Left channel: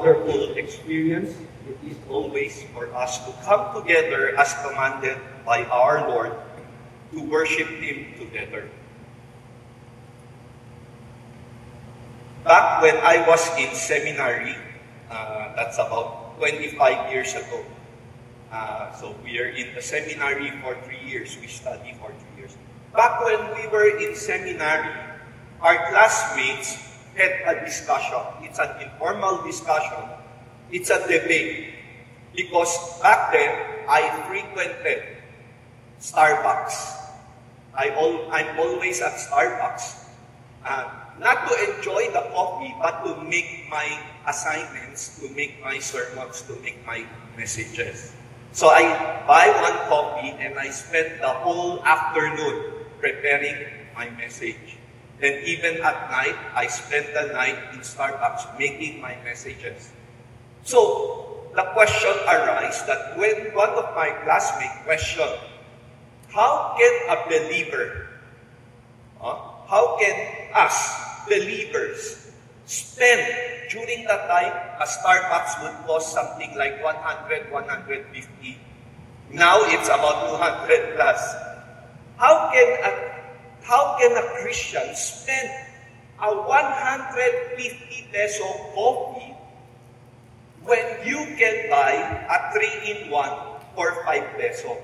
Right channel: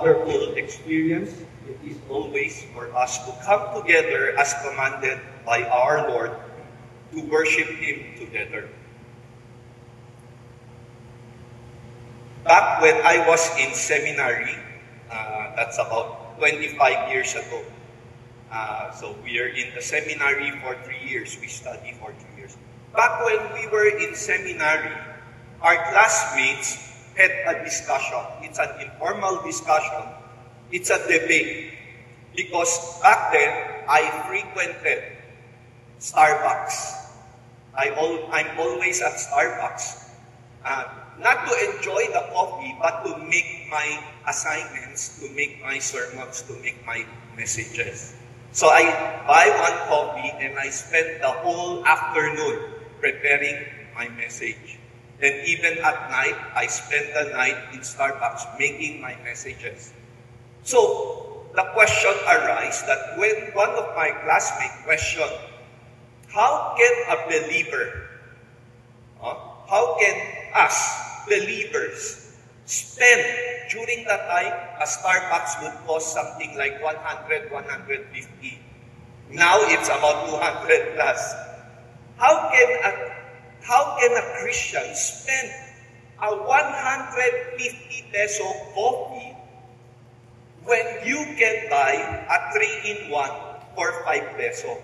wonderful experience it is always for us to come together as commanded by our Lord to worship Him together. Back when I was in seminary, that's about 25 years ago. So we are in the seminary for 3 years. We study for 2 years. Back when we were in seminary, our classmates had a discussion. It's an informal discussion. It's a debate. Because back then, I frequented Starbucks. I'm always at Starbucks. Not to enjoy the coffee, but to make my assignments, to make my sermons, to make my messages. So I buy one coffee and I spend the whole afternoon preparing my message. And even at night, I spend the night in Starbucks making my messages. So the question arises that when one of my classmates questioned, how can a believer, how can us believers spend during the time a Starbucks would cost something like 100, 150. Now it's about 200 plus. How can a Christian spend a 150 peso coffee when you can buy a 3-in-1 for 5 peso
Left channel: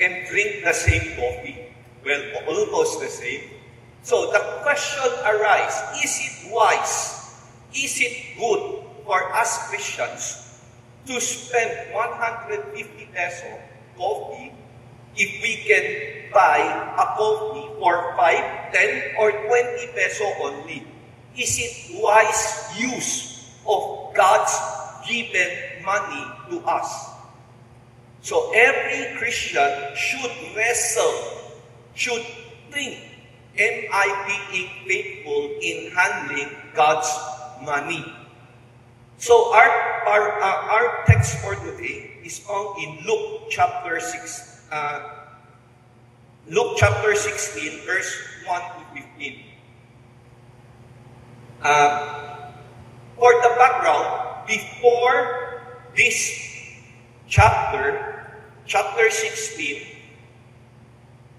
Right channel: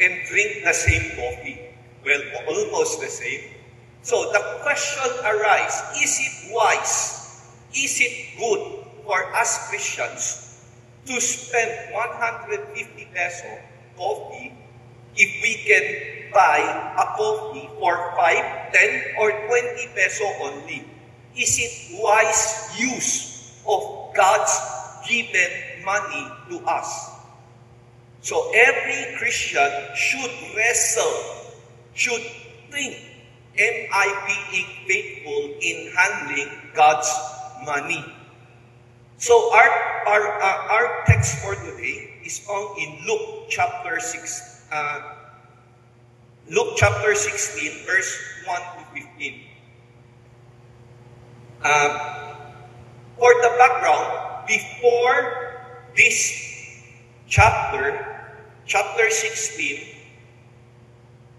and drink the same coffee? Well, almost the same. So the question arises, is it wise, is it good for us Christians to spend 150 peso coffee if we can buy a coffee for 5, 10, or 20 peso only? Is it wise use of God's given money to us? So every Christian should wrestle, should think, am I being faithful in handling God's money? So our text for today is found in Luke chapter 6. Luke chapter 16, verse 1 to 15. For the background, before this chapter 16,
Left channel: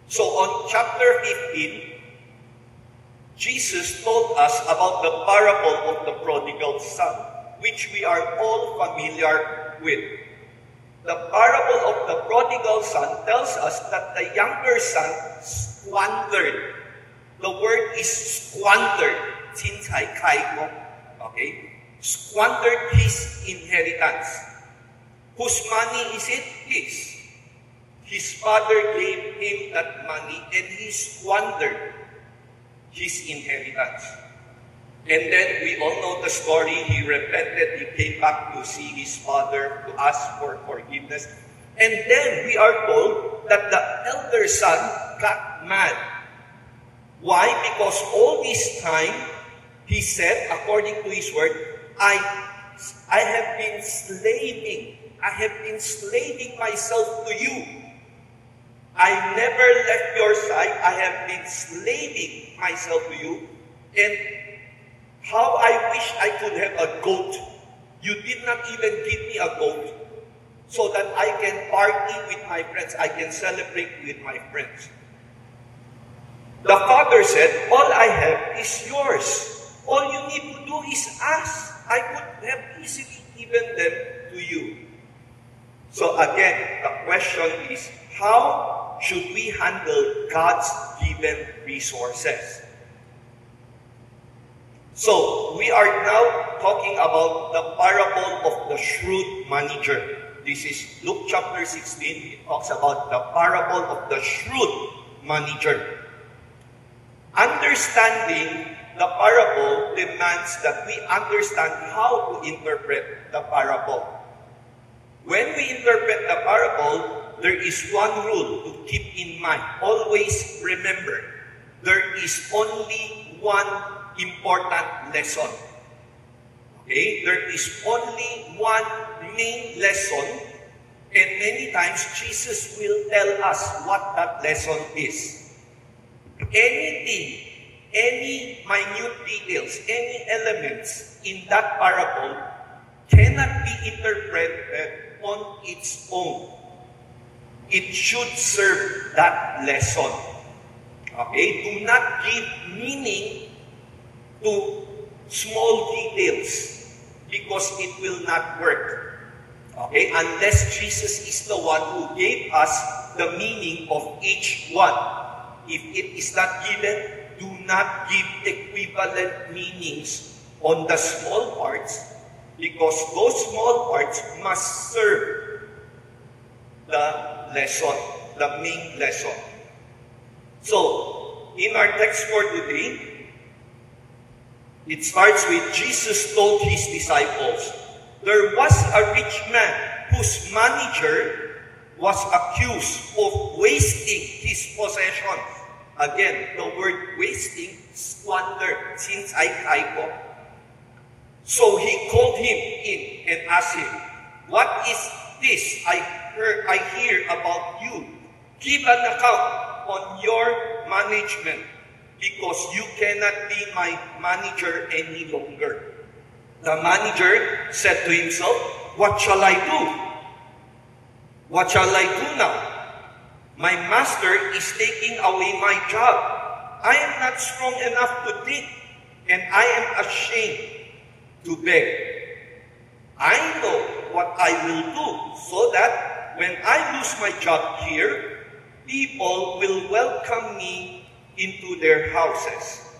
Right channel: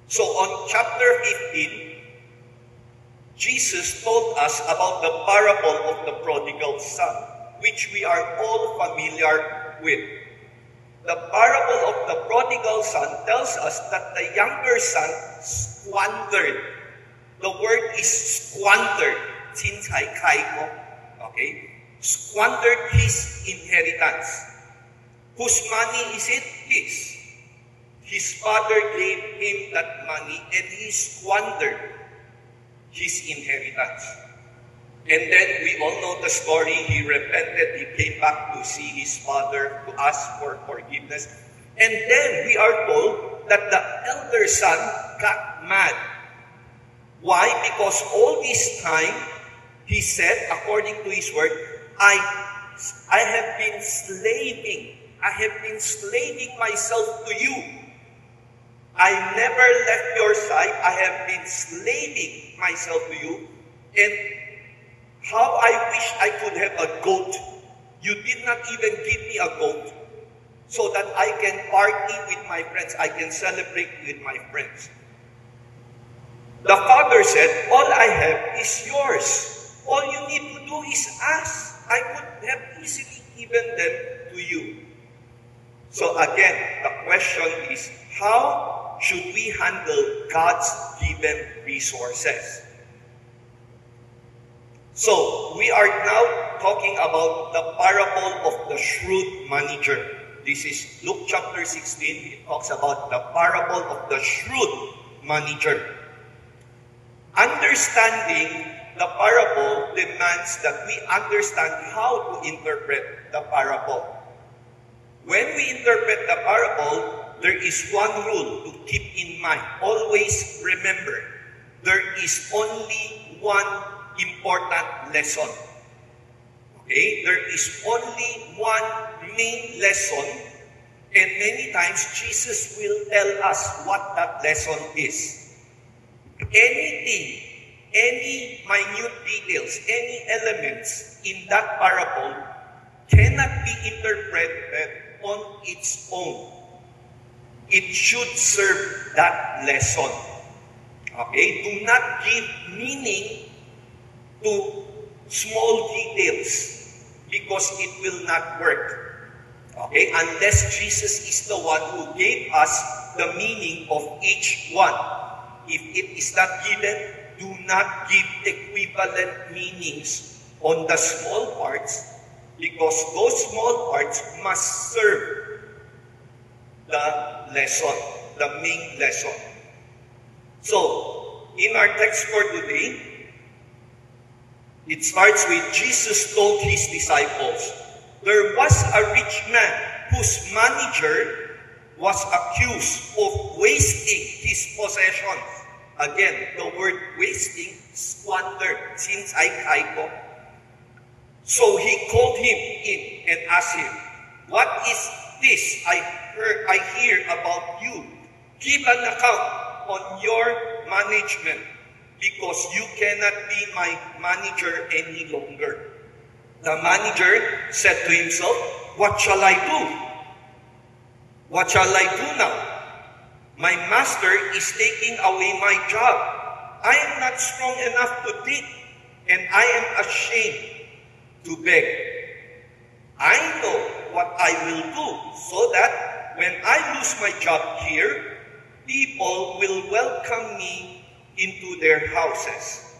so on chapter 15, Jesus told us about the parable of the prodigal son, which we are all familiar with. The parable of the prodigal son tells us that the younger son squandered. The word is squandered. Okay? Squandered his inheritance. Whose money is it? His. His father gave him that money and he squandered his inheritance. And then we all know the story. He repented. He came back to see his father, to ask for forgiveness. And then we are told that the elder son got mad. Why? Because all this time, he said, according to his word, I have been slaving. I have been slaving myself to you. I never left your side. I have been slaving myself to you. And how I wish I could have a goat. You did not even give me a goat so that I can party with my friends. I can celebrate with my friends. The father said, all I have is yours. All you need to do is ask. I could have easily given them to you. So again, the question is, how should we handle God's given resources? So, we are now talking about the parable of the shrewd manager. This is Luke chapter 16. It talks about the parable of the shrewd manager. Understanding the parable demands that we understand how to interpret the parable. When we interpret the parable, there is one rule to keep in mind. Always remember, there is only one important lesson. Okay? There is only one main lesson, and many times Jesus will tell us what that lesson is. Anything, any minute details, any elements in that parable cannot be interpreted on its own. It should serve that lesson. Okay? Do not give meaning to small details because it will not work. Okay? Unless Jesus is the one who gave us the meaning of each one. If it is not given, do not give equivalent meanings on the small parts because those small parts must serve the lesson, the main lesson. So, in our text for today, it starts with Jesus told his disciples, there was a rich man whose manager was accused of wasting his possessions. Again, the word wasting, squander, since I typo. So he called him in and asked him, what is this I hear about you? Give an account on your management because you cannot be my manager any longer. The manager said to himself, what shall I do? What shall I do now? My master is taking away my job. I am not strong enough to take, and I am ashamed to beg. I know what I will do so that when I lose my job here, people will welcome me into their houses.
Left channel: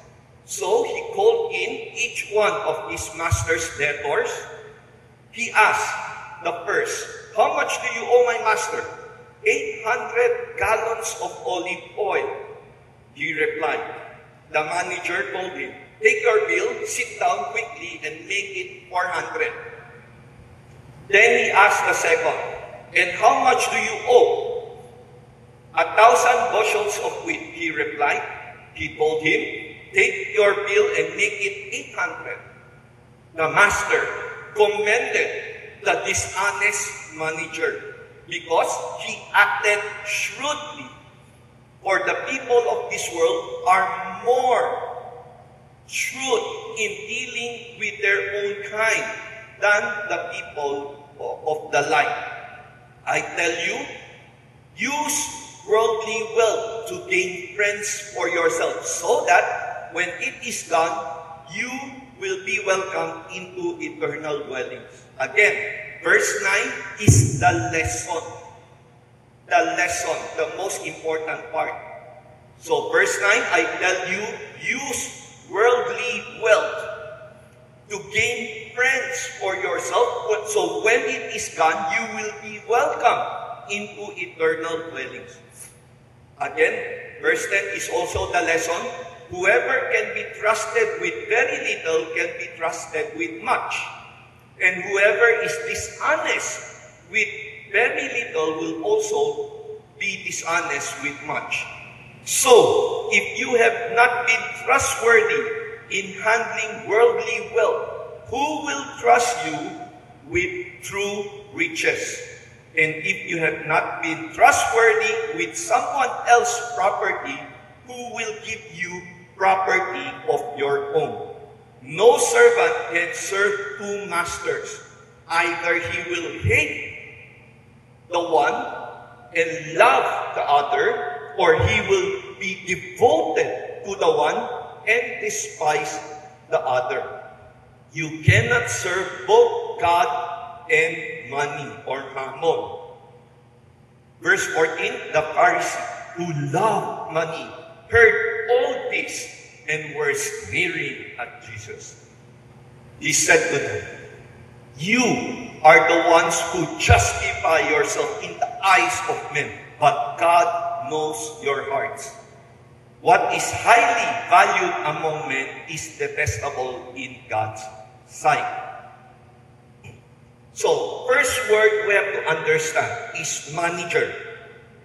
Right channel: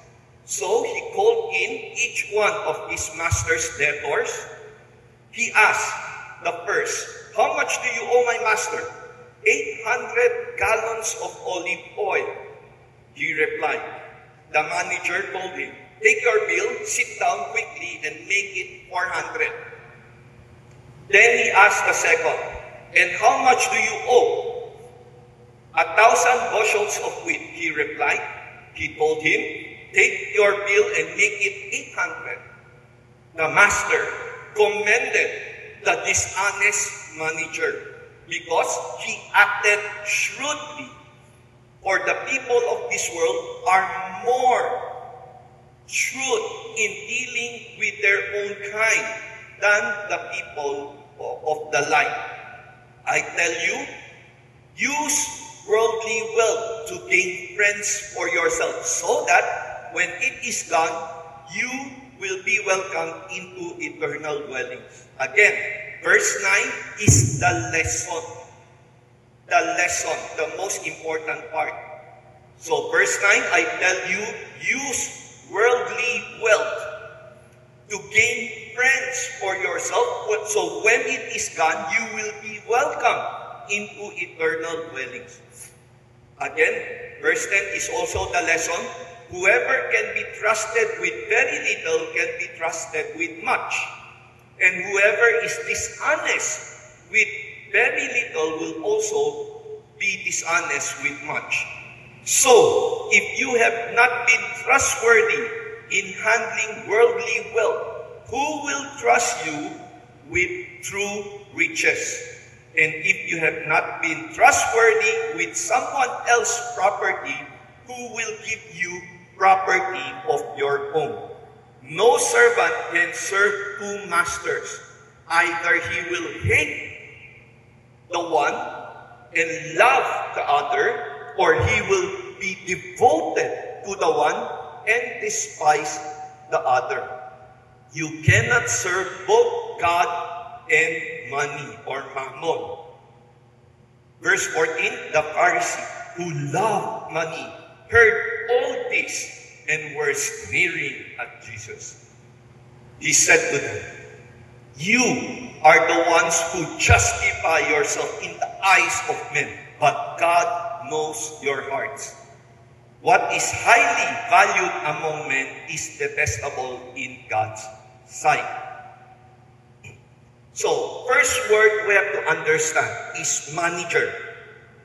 So he called in each one of his master's debtors. He asked the first, how much do you owe my master? 800 gallons of olive oil. He replied. The manager told him, take your bill, sit down quickly, and make it 400. Then he asked the second, and how much do you owe? 1,000 bushels of wheat, he replied. He told him, take your bill and make it 800. The master commended the dishonest manager because he acted shrewdly. For the people of this world are more shrewd in dealing with their own kind than the people of the light. I tell you, use worldly wealth to gain friends for yourself, so that when it is done, you will be welcomed into eternal dwellings. Again, verse 9 is the lesson. The lesson, the most important part. So verse 9, I tell you, use worldly wealth to gain friends for yourself. So when it is done, you will be welcomed into eternal dwellings. Again, verse 10 is also the lesson. Whoever can be trusted with very little can be trusted with much. And whoever is dishonest with very little will also be dishonest with much. So, if you have not been trustworthy in handling worldly wealth, who will trust you with true riches? And if you have not been trustworthy with someone else's property, who will give you property of your own? No servant can serve two masters. Either he will hate the one and love the other, or he will be devoted to the one and despise the other. You cannot serve both God and money or mammon. Verse 14, the Pharisee who loved money heard all this and were sneering at Jesus. He said to them, you are the ones who justify yourself in the eyes of men, but God knows your hearts. What is highly valued among men is detestable in God's sight. So, first word we have to understand is manager.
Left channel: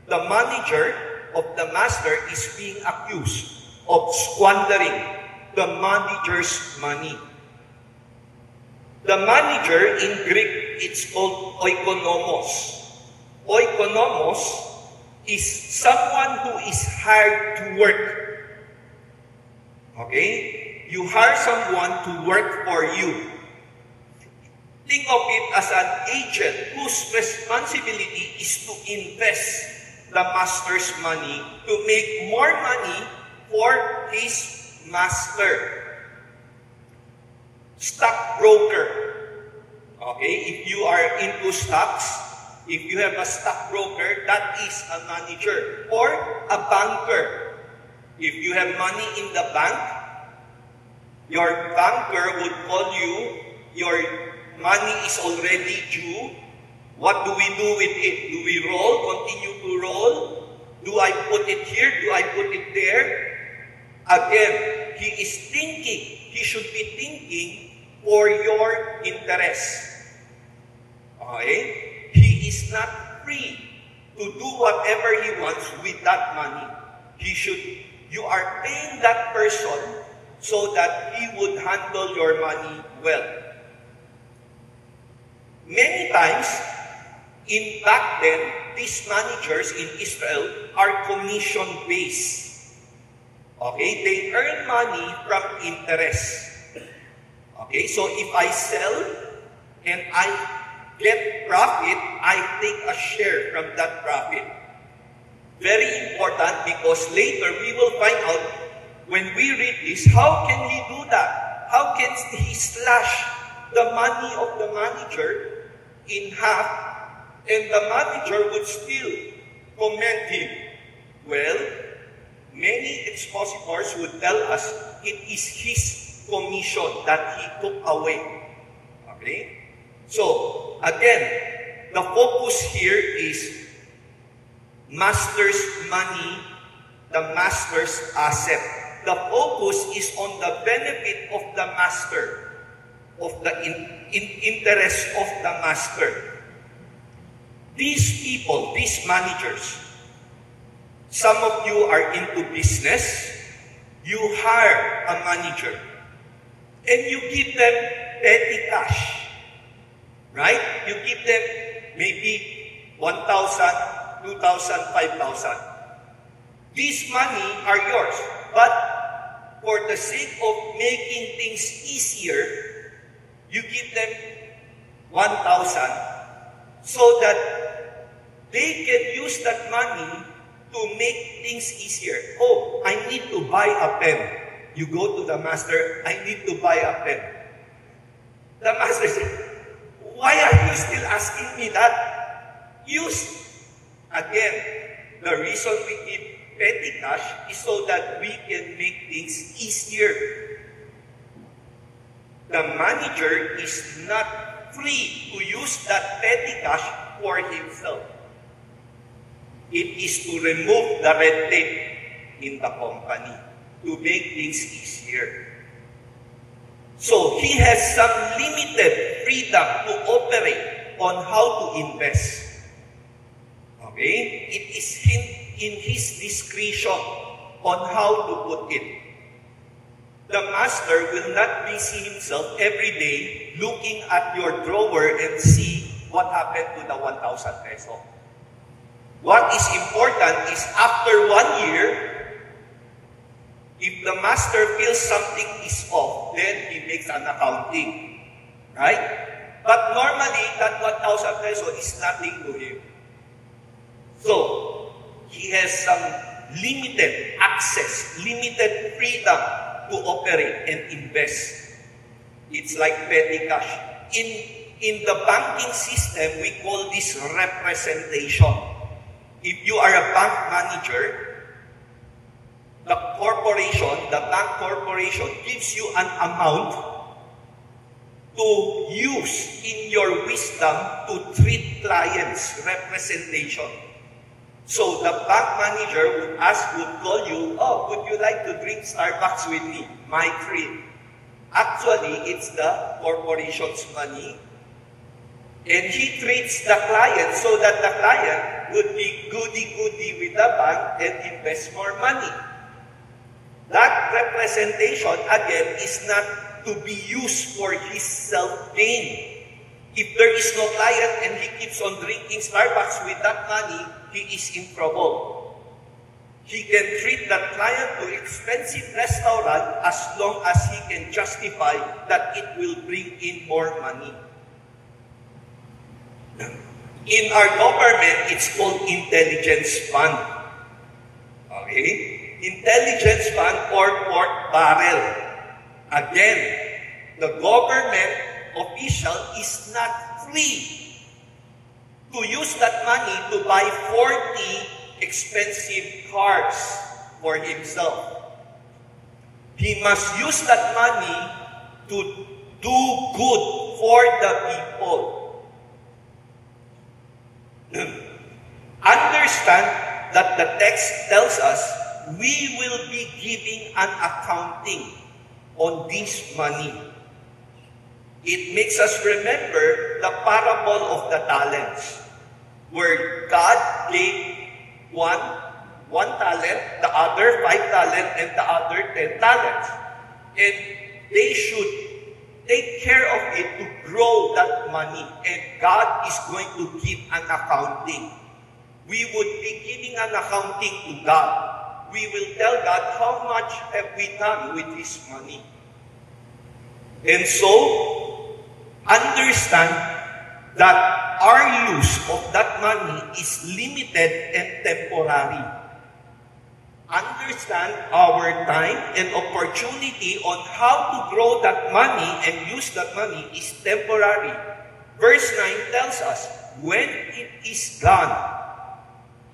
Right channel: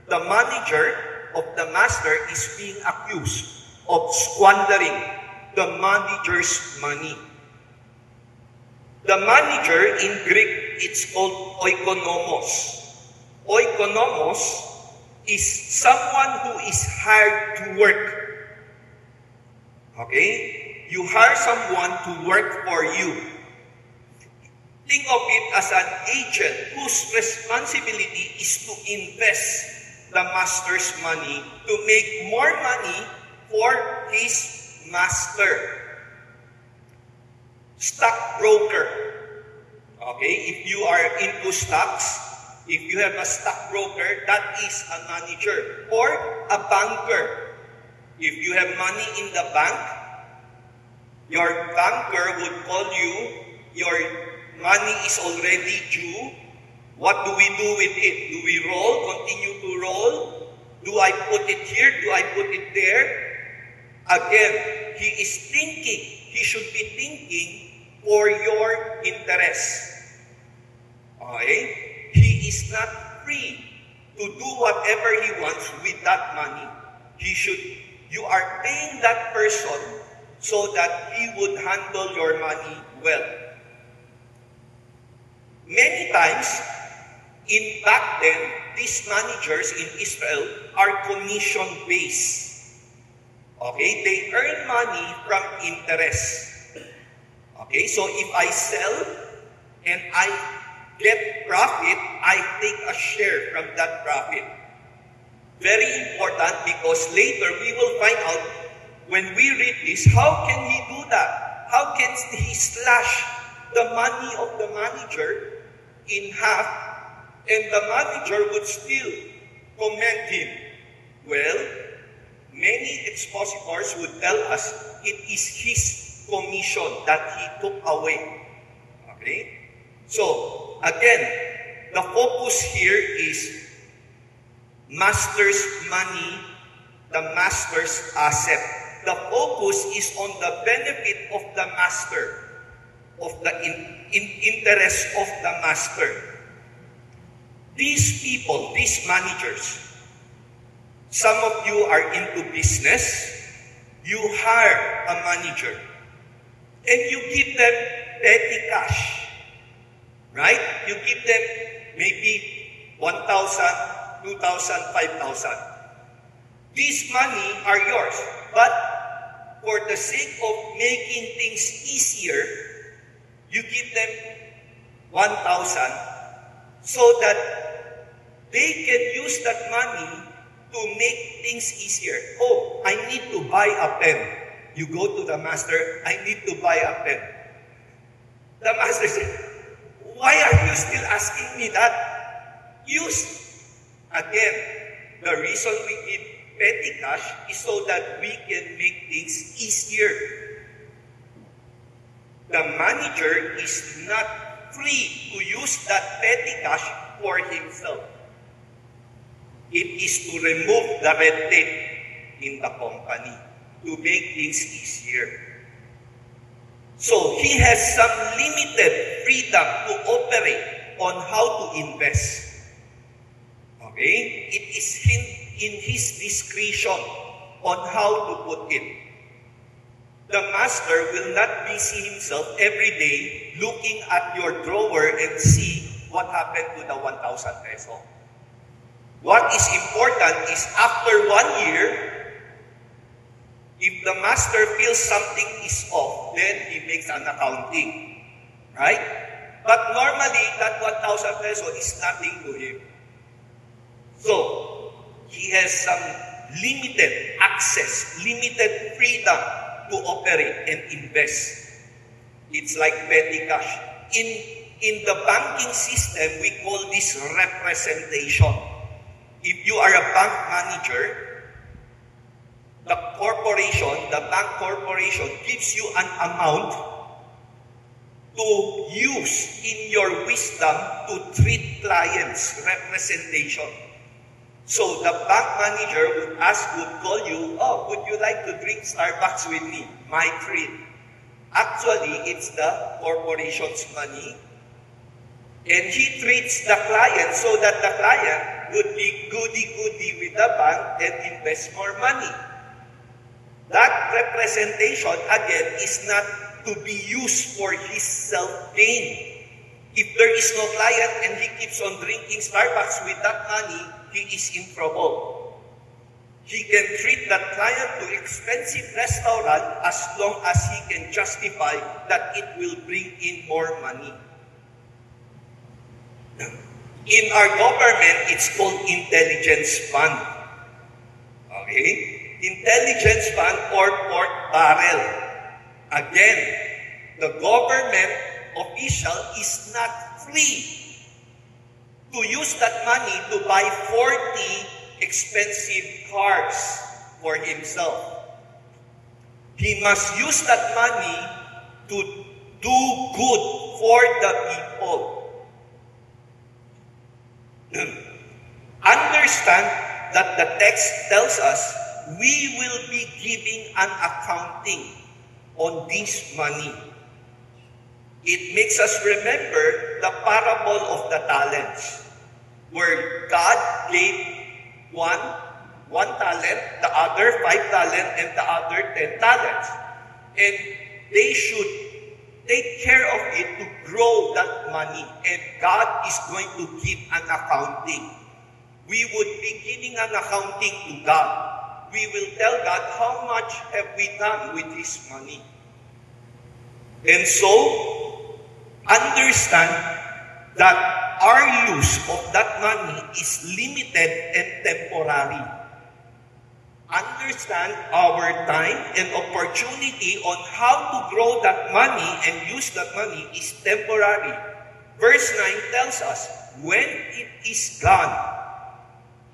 The manager of the master is being accused of squandering the manager's money. The manager in Greek, it's called oikonomos. Oikonomos is someone who is hired to work. Okay? You hire someone to work for you. Think of it as an agent whose responsibility is to invest the master's money to make more money for his master. Stockbroker. Okay, if you are into stocks, if you have a stockbroker, that is a manager. Or a banker. If you have money in the bank, your banker would call you, your money is already due. What do we do with it? Do we roll? Continue to roll? Do I put it here? Do I put it there? Again, he is thinking. He should be thinking for your interest. Okay? He is not free to do whatever he wants with that money. You are paying that person so that he would handle your money well. Many times, back then, these managers in Israel are commission-based. Okay? They earn money from interest. Okay? So if I sell and I get profit, I take a share from that profit. Very important, because later we will find out, when we read this, how can he do that? How can he slash the money of the manager in half, and the manager would still commend him? Well, many expositors would tell us it is his commission that he took away. Okay? So, again, the focus here is master's money, the master's asset. The focus is on the benefit of the master, of the interest of the master. These people, these managers, some of you are into business, you hire a manager, and you give them petty cash, right? You give them maybe 1,000, 2,000, 5,000. These money are yours, but for the sake of making things easier, you give them 1,000 so that they can use that money to make things easier. Oh, I need to buy a pen. You go to the master, I need to buy a pen. The master says, why are you still asking me that? Use. Again, the reason we give petty cash is so that we can make things easier. The manager is not free to use that petty cash for himself. It is to remove the red tape in the company, to make things easier. So he has some limited freedom to operate on how to invest. Okay? It is in his discretion on how to put it. The master will not busy himself every day looking at your drawer and see what happened to the 1,000 peso. What is important is after 1 year, if the master feels something is off, then he makes an accounting. Right? But normally, that 1,000 peso is nothing to him. So, he has some limited access, limited freedom to operate and invest. It's like petty cash. In the banking system, we call this representation. If you are a bank manager, the bank corporation gives you an amount to use in your wisdom to treat clients, representation. So the bank manager would call you, oh, would you like to drink Starbucks with me? My treat. Actually, it's the corporation's money. And he treats the client so that the client would be goody-goody with the bank and invest more money. That representation, again, is not to be used for his self-gain. If there is no client and he keeps on drinking Starbucks with that money, he is in trouble. He can treat that client to expensive restaurant as long as he can justify that it will bring in more money. In our government, it's called intelligence fund. Okay? Intelligence fund or pork barrel. Again, the government official is not free to use that money to buy 40 expensive cars for himself. He must use that money to do good for the people. Understand that the text tells us we will be giving an accounting on this money. It makes us remember the parable of the talents, where God gave one talent, the other 5 talents, and the other 10 talents. And they should take care of it to grow that money. And God is going to give an accounting. We would be giving an accounting to God. We will tell God how much have we done with this money. And so, understand that our use of that money is limited and temporary. Understand our time and opportunity on how to grow that money and use that money is temporary. Verse 9 tells us, when it is gone.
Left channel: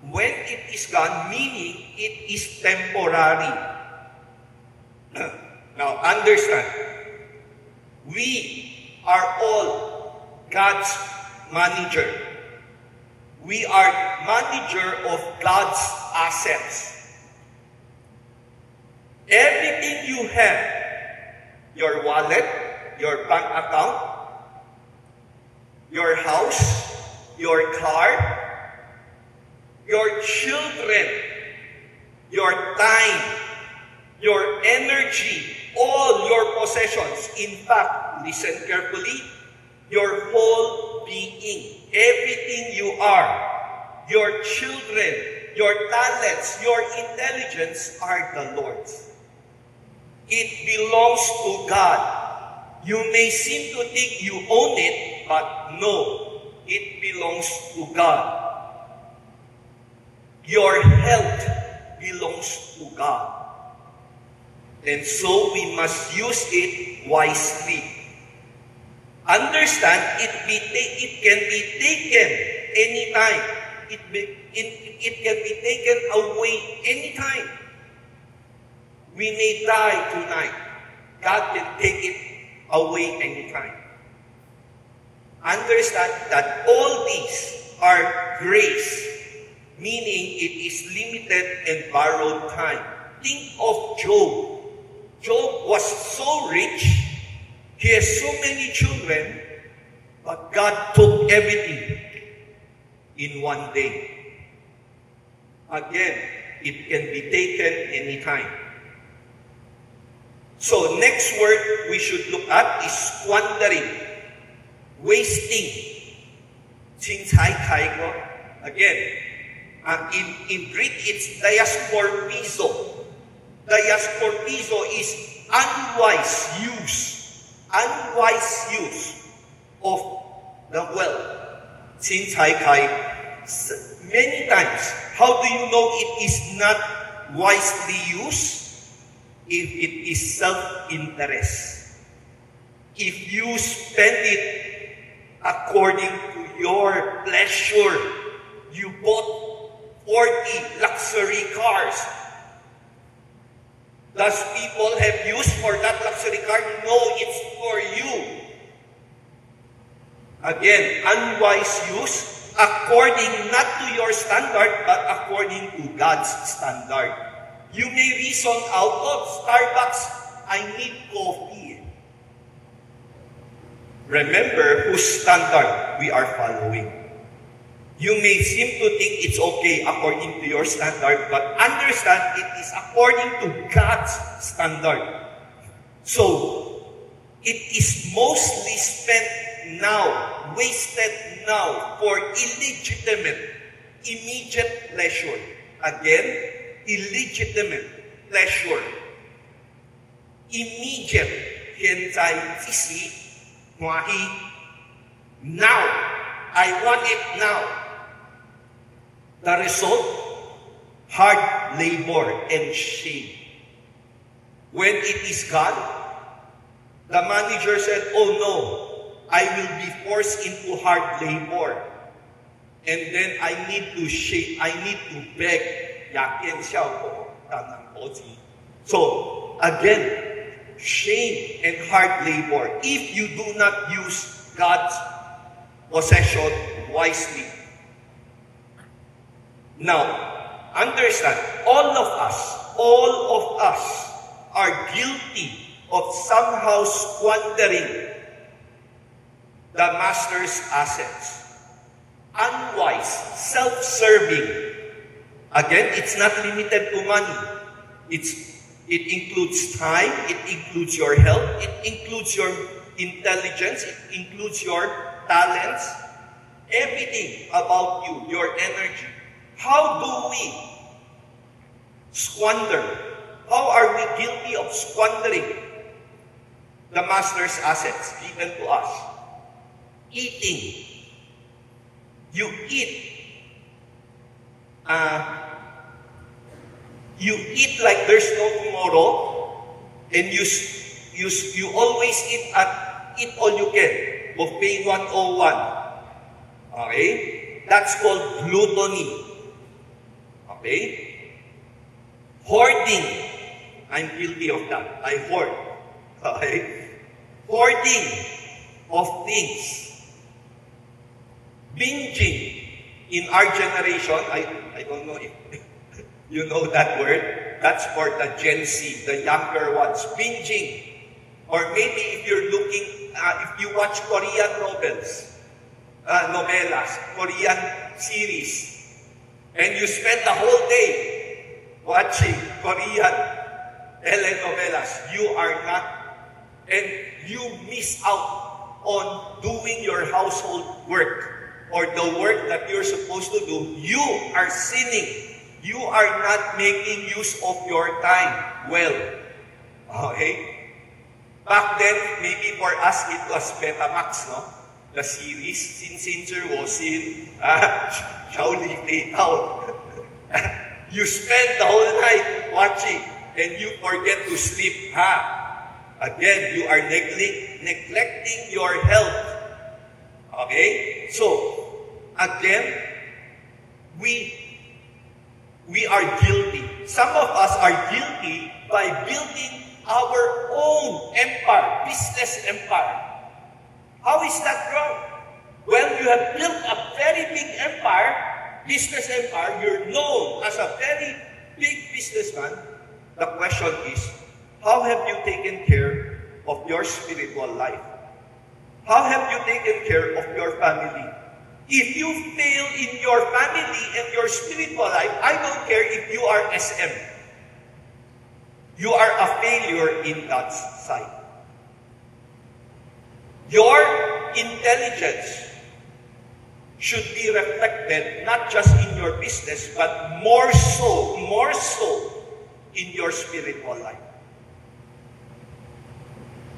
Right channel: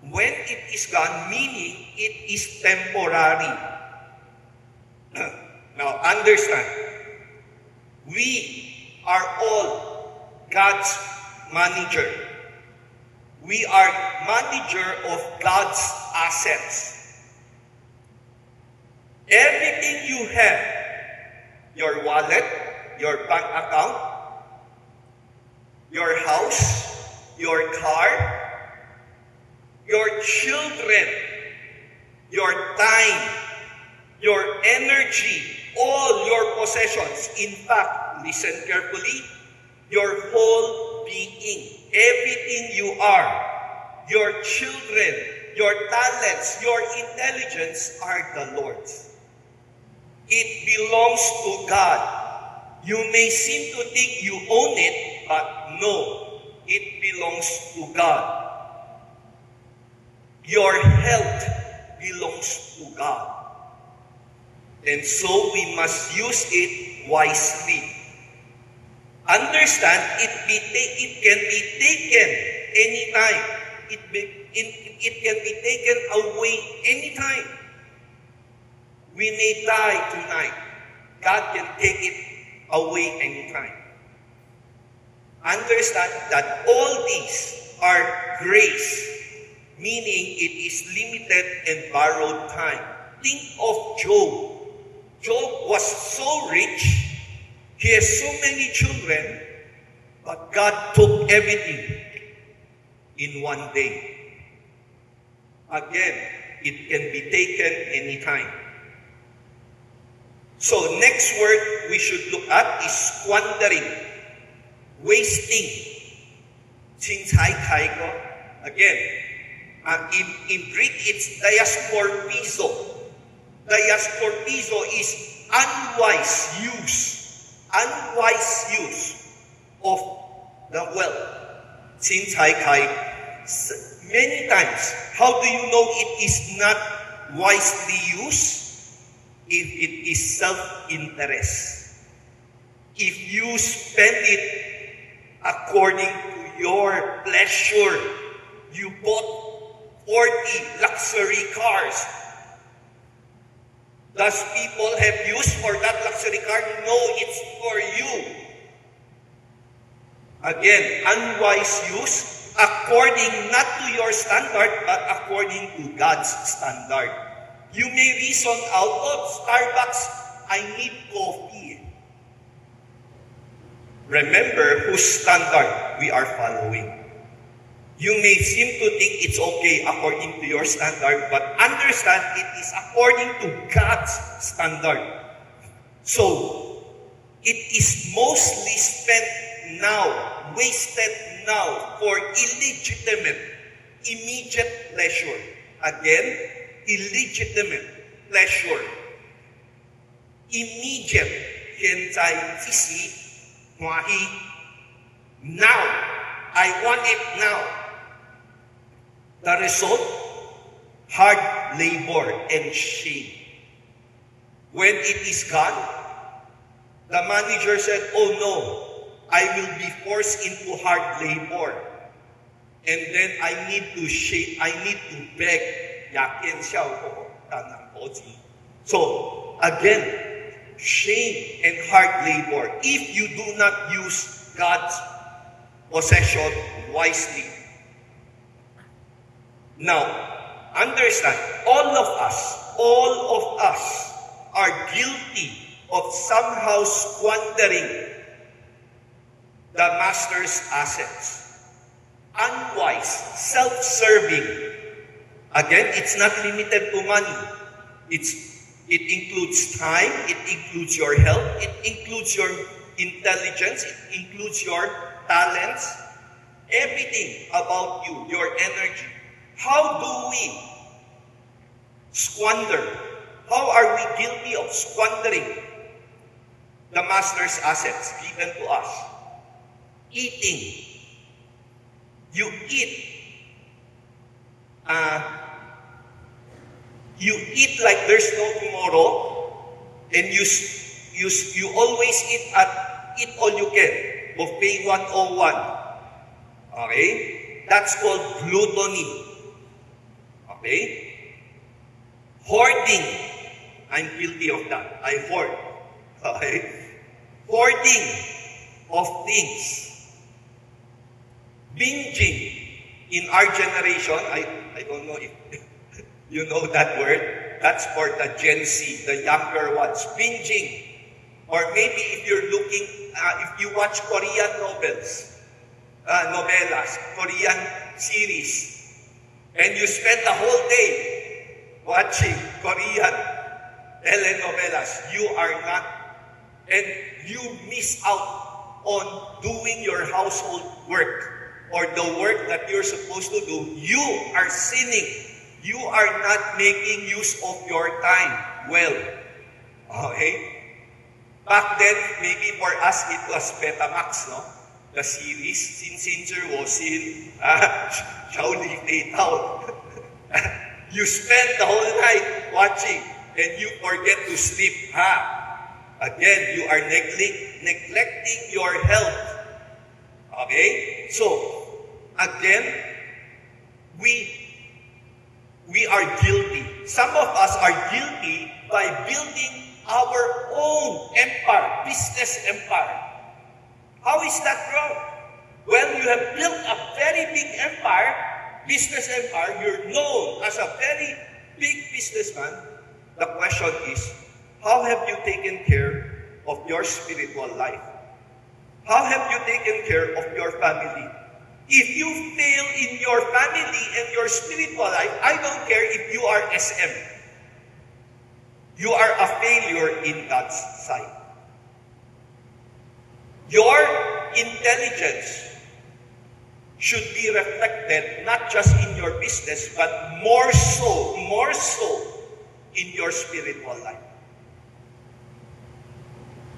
When it is gone, meaning it is temporary. Now, understand, we are all God's manager. We are manager of God's assets. Everything you have, your wallet, your bank account, your house, your car, your children, your time, your energy, all your possessions. In fact, listen carefully, your whole being, everything you are, your children, your talents, your intelligence are the Lord's. It belongs to God. You may seem to think you own it, but no, it belongs to God. Your health belongs to God. And so we must use it wisely. Understand, it can be taken anytime. It can be taken away anytime. We may die tonight. God can take it away anytime. Understand that all these are grace, meaning it is limited and borrowed time. Think of Job. Job was so rich, he has so many children, but God took everything in one day. Again, it can be taken anytime. So next word we should look at is squandering, wasting. Again, in Greek it's diasporpizo. Diasporpizo is unwise use of the wealth. Many times, how do you know it is not wisely used? If it is self-interest. If you spend it according to your pleasure, you bought 40 luxury cars. Does people have use for that luxury car? No, it's for you. Again, unwise use, according not to your standard, but according to God's standard. You may reason out of Starbucks, I need coffee. Remember whose standard we are following. You may seem to think it's okay according to your standard, but understand it is according to God's standard. So, it is mostly spent now, wasted now for illegitimate, immediate pleasure. Again, illegitimate pleasure. Immediate, 现在即时欢喜 now. I want it now. The result, hard labor and shame. When it is gone, the manager said, oh no, I will be forced into hard labor. And then I need to beg. So, again, shame and hard labor if you do not use God's possession wisely. Now, understand, all of us are guilty of somehow squandering the master's assets. Unwise, self-serving. Again, it's not limited to money. It includes time, it includes your health, it includes your intelligence, it includes your talents, everything about you, your energy. How do we squander? How are we guilty of squandering the master's assets given to us? Eating. You eat. You eat like there's no tomorrow, and you always eat all you can. Buffet 101. Okay? That's called gluttony. Okay? Hoarding. I'm guilty of that. I hoard. Okay? Hoarding of things. Binging. In our generation, I don't know if you know that word. That's for the Gen Z, the younger ones. Binging. Or maybe if you're looking, if you watch Korean novelas, Korean series, and you spend the whole day watching Korean telenovelas, you are not, and you miss out on doing your household work or the work that you're supposed to do. You are sinning. You are not making use of your time well. Okay? Back then, maybe for us, it was Betamax, no? The series, Sin was in Shaolin Fade Out. You spend the whole night watching, and you forget to sleep. Again, you are neglecting your health. Okay? So, again, we are guilty. Some of us are guilty by building our own empire, business empire. How is that wrong? When you have built a very big empire, business empire, you're known as a very big businessman, the question is, how have you taken care of your spiritual life? How have you taken care of your family? If you fail in your family and your spiritual life, I don't care if you are SM. You are a failure in God's sight. Your intelligence should be reflected not just in your business, but more so in your spiritual life.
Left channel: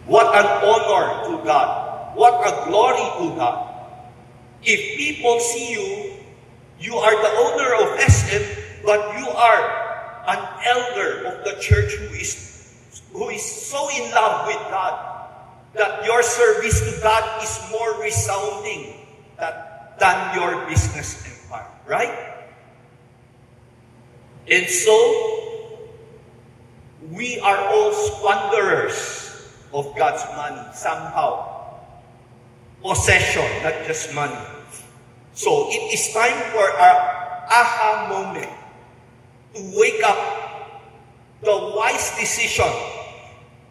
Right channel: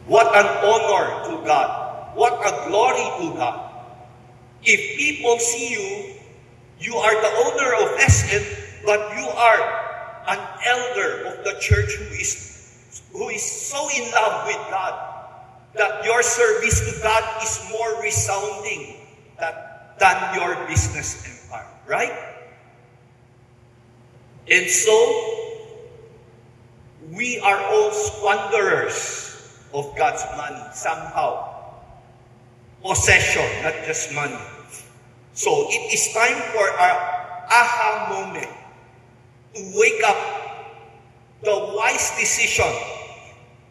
What an honor to God. What a glory to God. If people see you, you are the owner of SM, but you are an elder of the church who is so in love with God that your service to God is more resounding than your business empire, right? And so, we are all squanderers of God's money somehow. Possession, not just money. So it is time for an aha moment to wake up. The wise decision.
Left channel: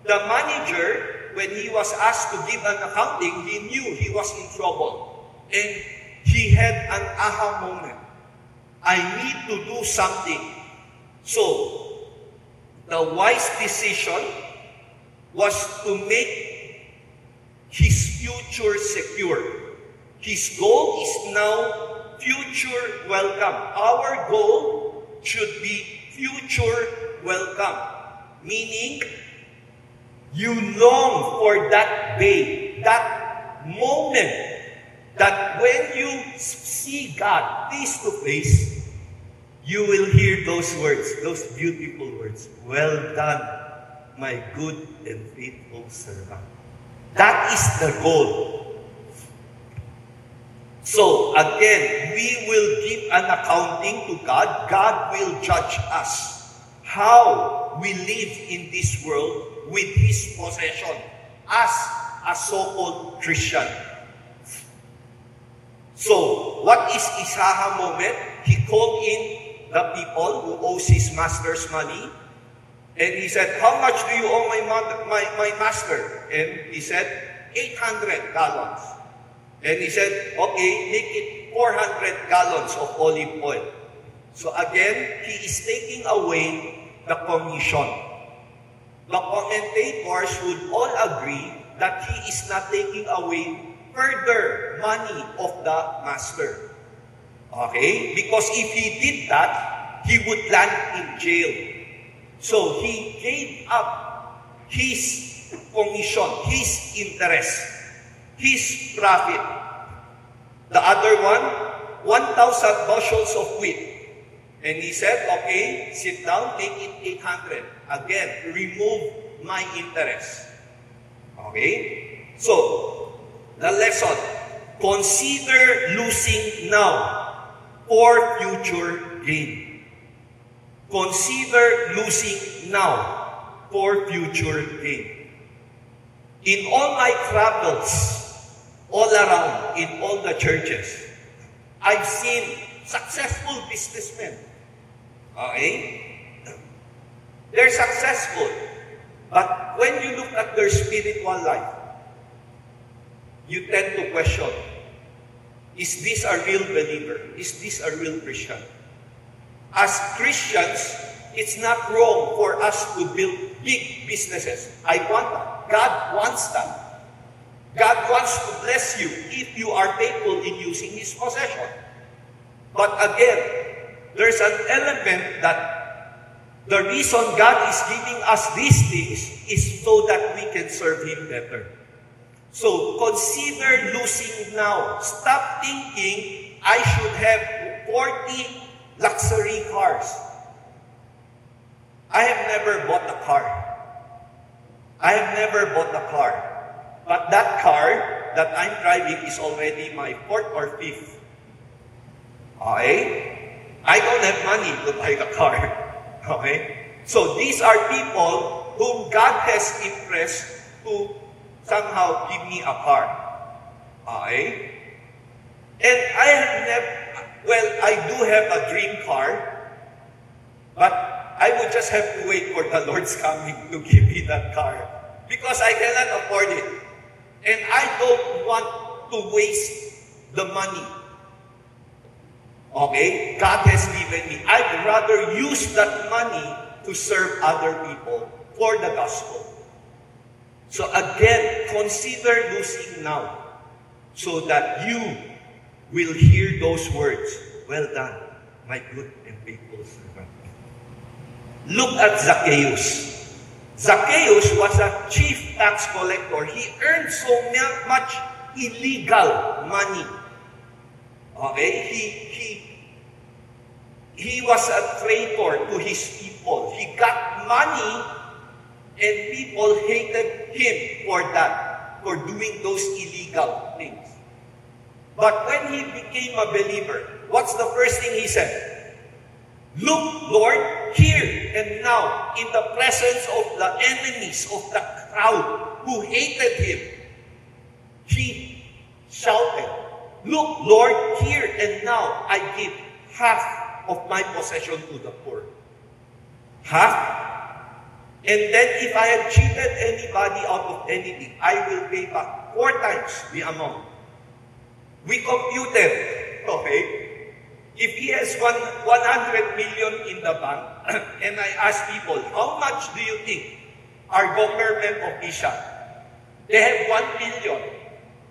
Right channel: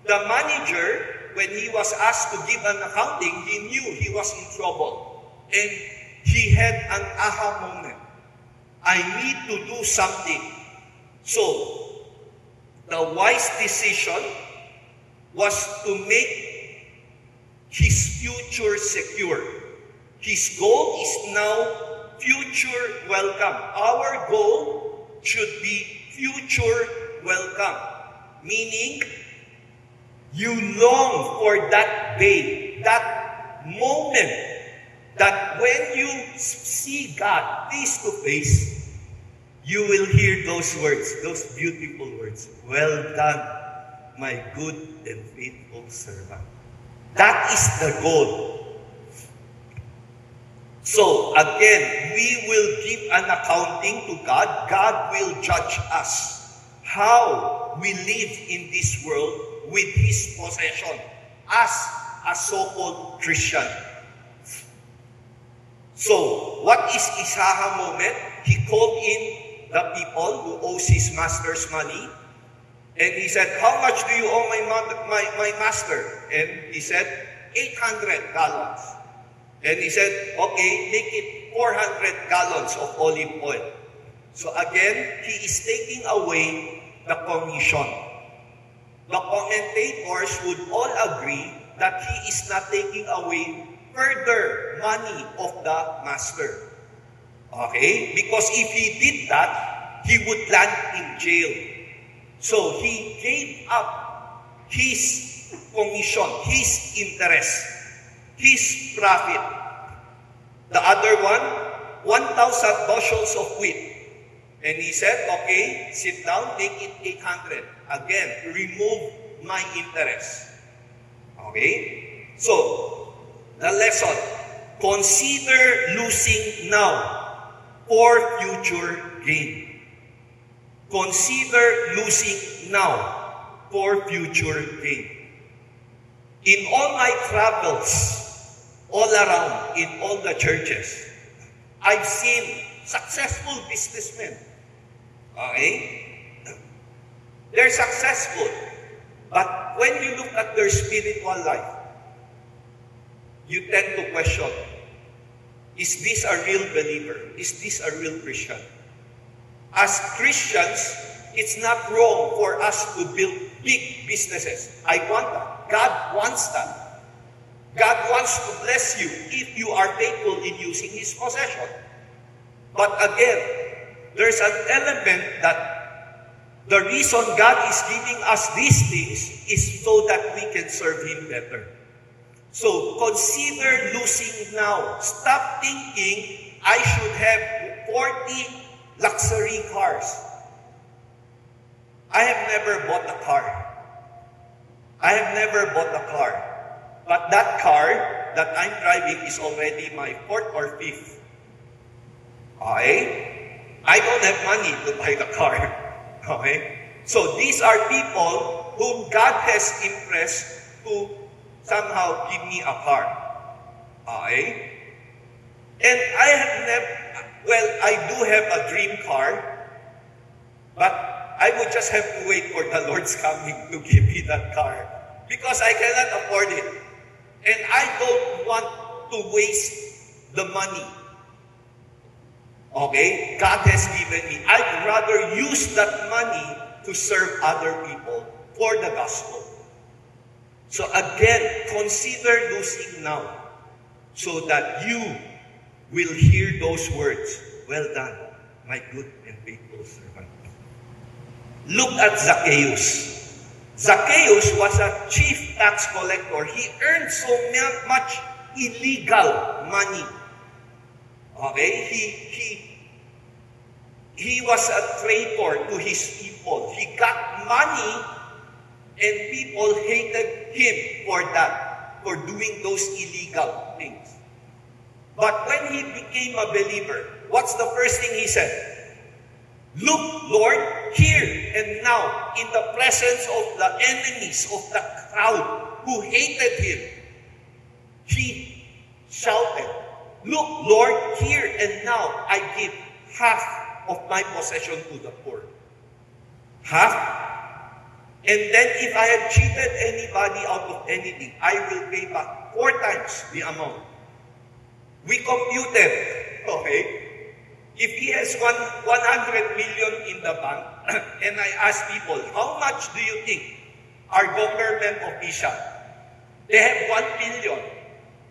The manager, when he was asked to give an accounting, he knew he was in trouble. And he had an aha moment. I need to do something. So, the wise decision was to make his future secure. His goal is now future welcome. Our goal should be future welcome. Meaning, you long for that day, that moment that when you see God face to face, you will hear those words, those beautiful words. Well done, my good and faithful servant. That is the goal. So, again, we will give an accounting to God. God will judge us. How we live in this world with His possession as a so-called Christian. So, what is Isaha moment? He called in the people who owes his master's money. And he said, how much do you owe my master? And he said, 800 gallons. And he said, okay, make it 400 gallons of olive oil. So again, he is taking away the commission. The commentators would all agree that he is not taking away further money of the master. Okay? Because if he did that, he would land in jail. So he gave up his commission, his interest, his profit. The other one, 1,000 bushels of wheat. And he said, okay, sit down, take it 800. Again, remove my interest. Okay? So, the lesson, consider losing now for future gain. Consider losing now for future gain. In all my travels, all around, in all the churches, I've seen successful businessmen. Okay? They're successful. But when you look at their spiritual life, you tend to question, is this a real believer? Is this a real Christian? As Christians, it's not wrong for us to build big businesses. I want that. God wants that. God wants to bless you if you are faithful in using His possession. But again, there's an element that the reason God is giving us these things is so that we can serve Him better. So consider losing now. Stop thinking I should have 40 luxury cars. I have never bought a car. I have never bought a car. But that car that I'm driving is already my 4th or 5th. Okay? I don't have money to buy the car. Okay? So these are people whom God has impressed to somehow give me a car. Okay? And I have never, well, I do have a dream car, but I would just have to wait for the Lord's coming to give me that car. Because I cannot afford it. And I don't want to waste the money. Okay? God has given me. I'd rather use that money to serve other people for the gospel. So again, consider losing now so that you will hear those words. Well done, my good and faithful servant. Look at Zacchaeus. Zacchaeus was a chief tax collector. He earned so much illegal money. Okay? He was a traitor to his people. He got money and people hated him for that, for doing those illegal things. But when he became a believer, what's the first thing he said? Look, Lord, here and now, in the presence of the enemies of the crowd who hated him, he shouted, look, Lord, here and now, I give half of my possession to the poor. Half. And then if I have cheated anybody out of anything, I will pay back 4 times the amount. We computed, okay? If he has 100 million in the bank, and I ask people, how much do you think our government official? They have 1 billion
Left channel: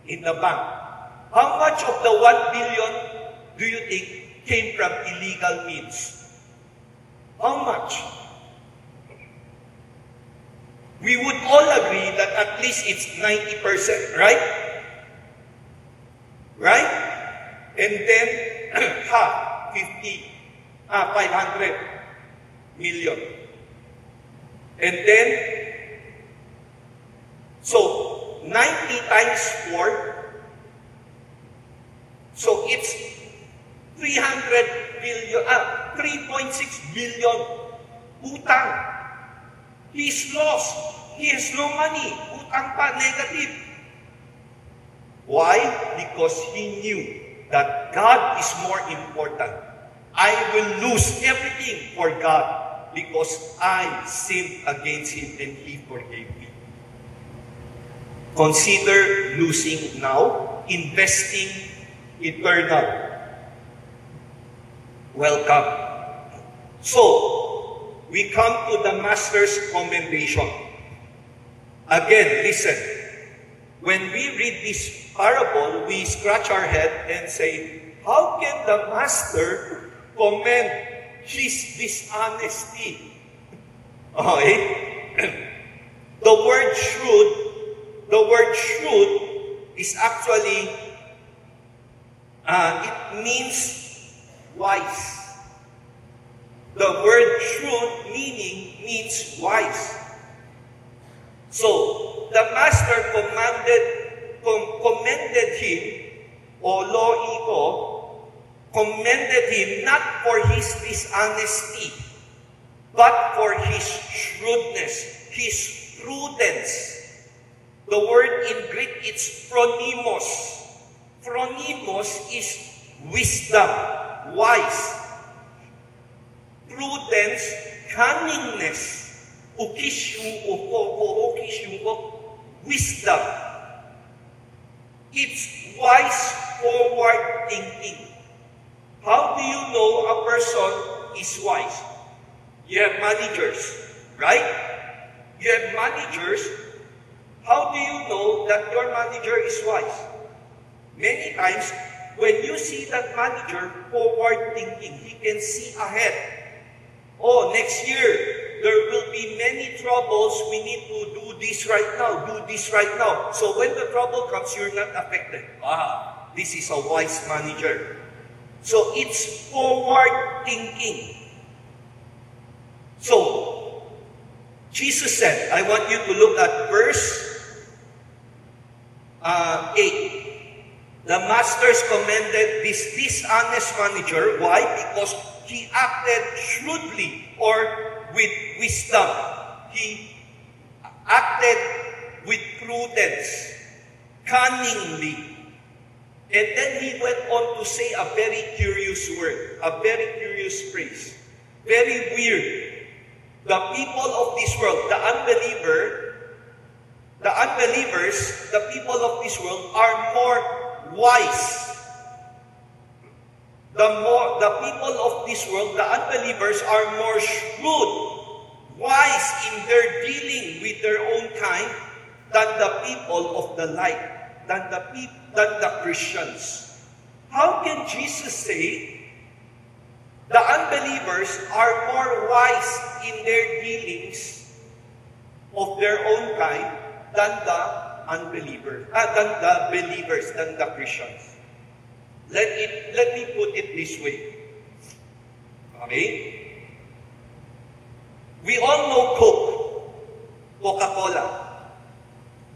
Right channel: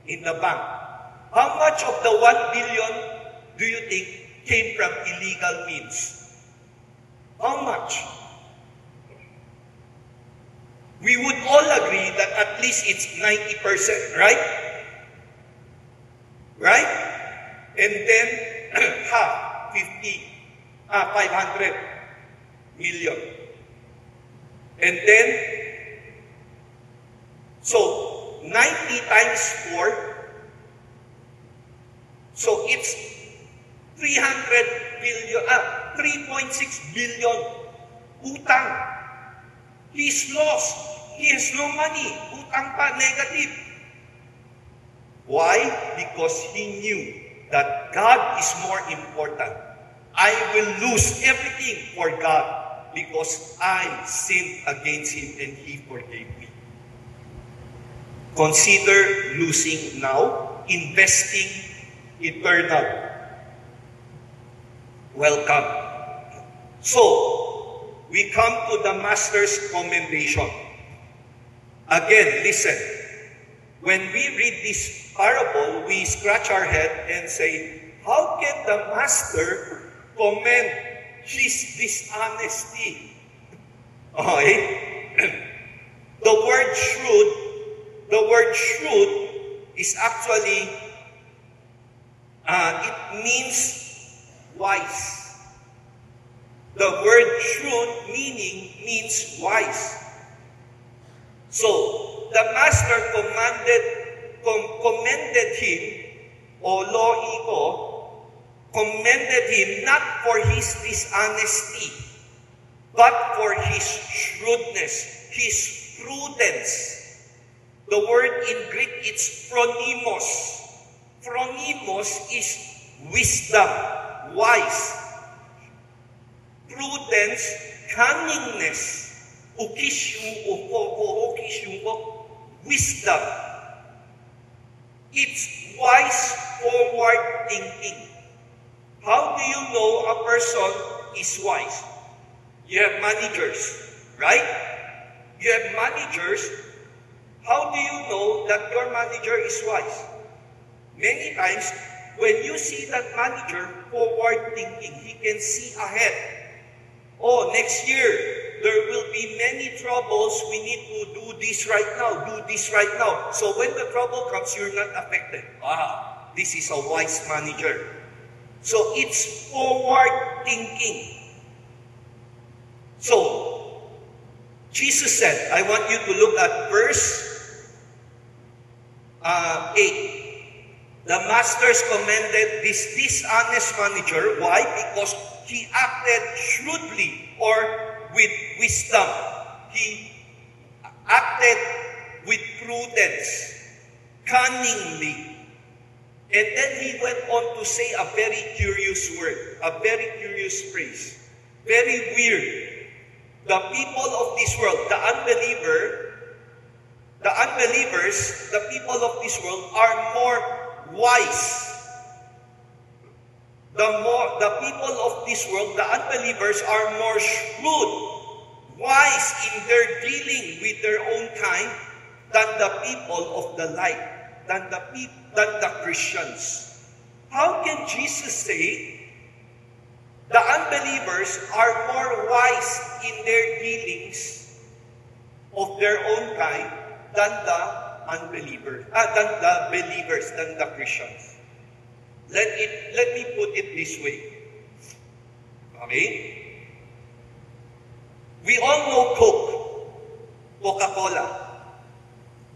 in the bank. How much of the 1 billion do you think came from illegal means? How much? We would all agree that at least it's 90%, right? Right? And then, 500 million. And then, so 90 times 4, so it's 3.6 billion utang. He's lost. He has no money. Utang pa, negative. Why? Because he knew that God is more important. I will lose everything for God because I sinned against Him and He forgave me. Consider losing now, investing eternal. Welcome. So, we come to the Master's commendation. Again, listen. When we read this parable, we scratch our head and say, how can the Master commend his dishonesty? Okay? The word shrewd is actually, it means wise. The word shrewd means wise. So, the Master commended him, o lo'iko, commended him not for his dishonesty, but for his shrewdness, his prudence. The word in Greek, it's phronimos. Phronimos is wisdom, wise. Prudence, cunningness. Wisdom. It's wise, forward thinking. How do you know a person is wise? You have managers, right? You have managers. How do you know that your manager is wise? Many times, when you see that manager forward thinking, he can see ahead. Oh, next year, there will be many troubles. We need to do this right now, do this right now. So when the trouble comes, you're not affected. This is a wise manager. So it's forward thinking. So, Jesus said, I want you to look at verse 8. The masters commended this dishonest manager. Why? Because he acted shrewdly or with wisdom. He acted with prudence, cunningly. And then he went on to say a very curious word, a very curious phrase. Very weird. The people of this world, the unbelievers, the people of this world are more wise. The people of this world, the unbelievers, are more shrewd, wise in their dealing with their own kind than the people of the light, than the Christians. How can Jesus say the unbelievers are more wise in their dealings of their own kind than the unbelievers, than the believers, than the Christians? Let me put it this way. Okay? We all know Coke, Coca-Cola.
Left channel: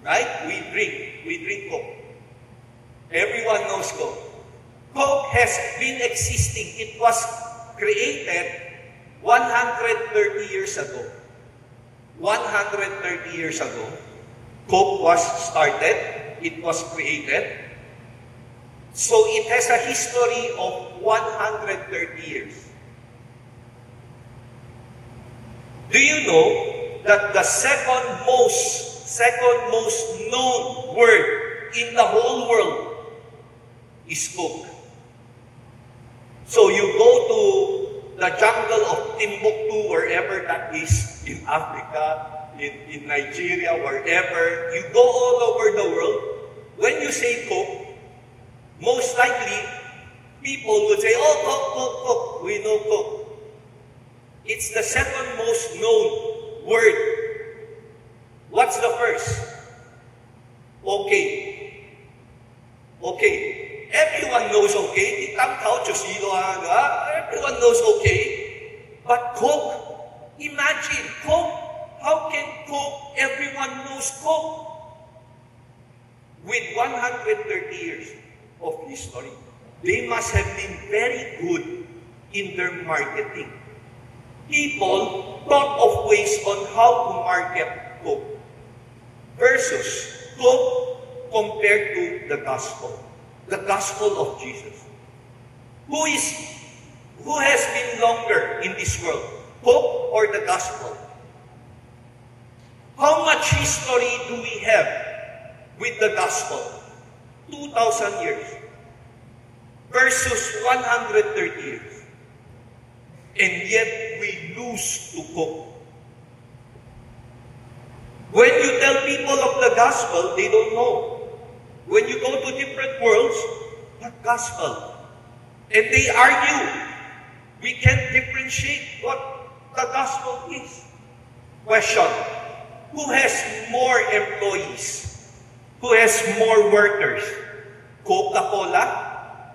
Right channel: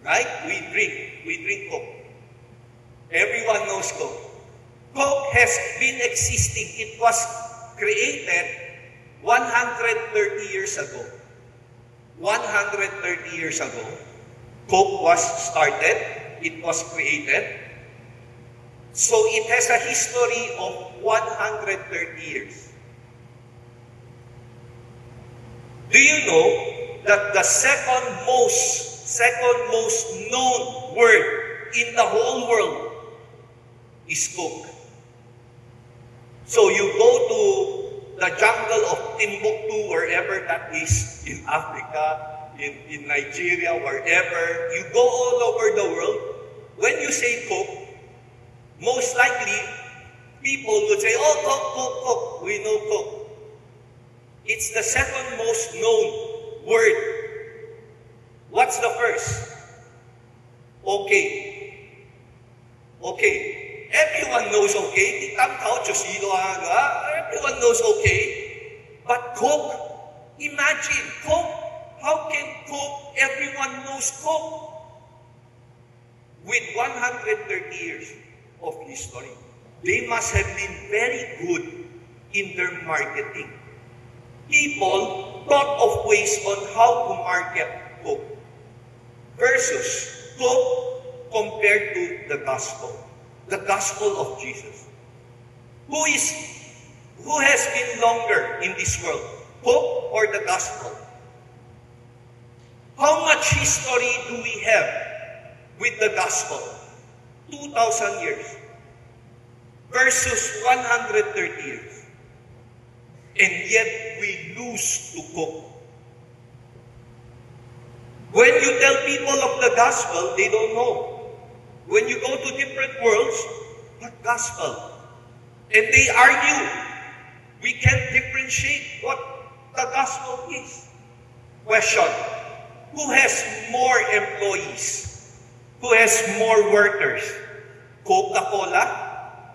Right? We drink Coke. Everyone knows Coke. Coke has been existing. It was created 130 years ago. 130 years ago, Coke was started. It was created. So it has a history of 130 years. Do you know that the second most known word in the whole world is Coke? So you go to the jungle of Timbuktu, wherever that is, in Africa, in Nigeria, wherever, you go all over the world. When you say Coke, most likely, people will say, oh, Coke, we know Coke. It's the second most known word. What's the first? Okay. Everyone knows okay. Everyone knows okay. But Coke, imagine, Coke, how can Coke, everyone knows Coke? With 130 years of history, they must have been very good in their marketing. People thought of ways on how to market Coke versus Coke compared to the gospel of Jesus. Who has been longer in this world, Coke or the gospel? How much history do we have with the gospel? 2,000 years versus 130 years. And yet we lose to Coke. When you tell people of the gospel, they don't know. When you go to different worlds, what gospel? And they argue. We can't differentiate what the gospel is. Question: who has more employees? Who has more workers? Coca-Cola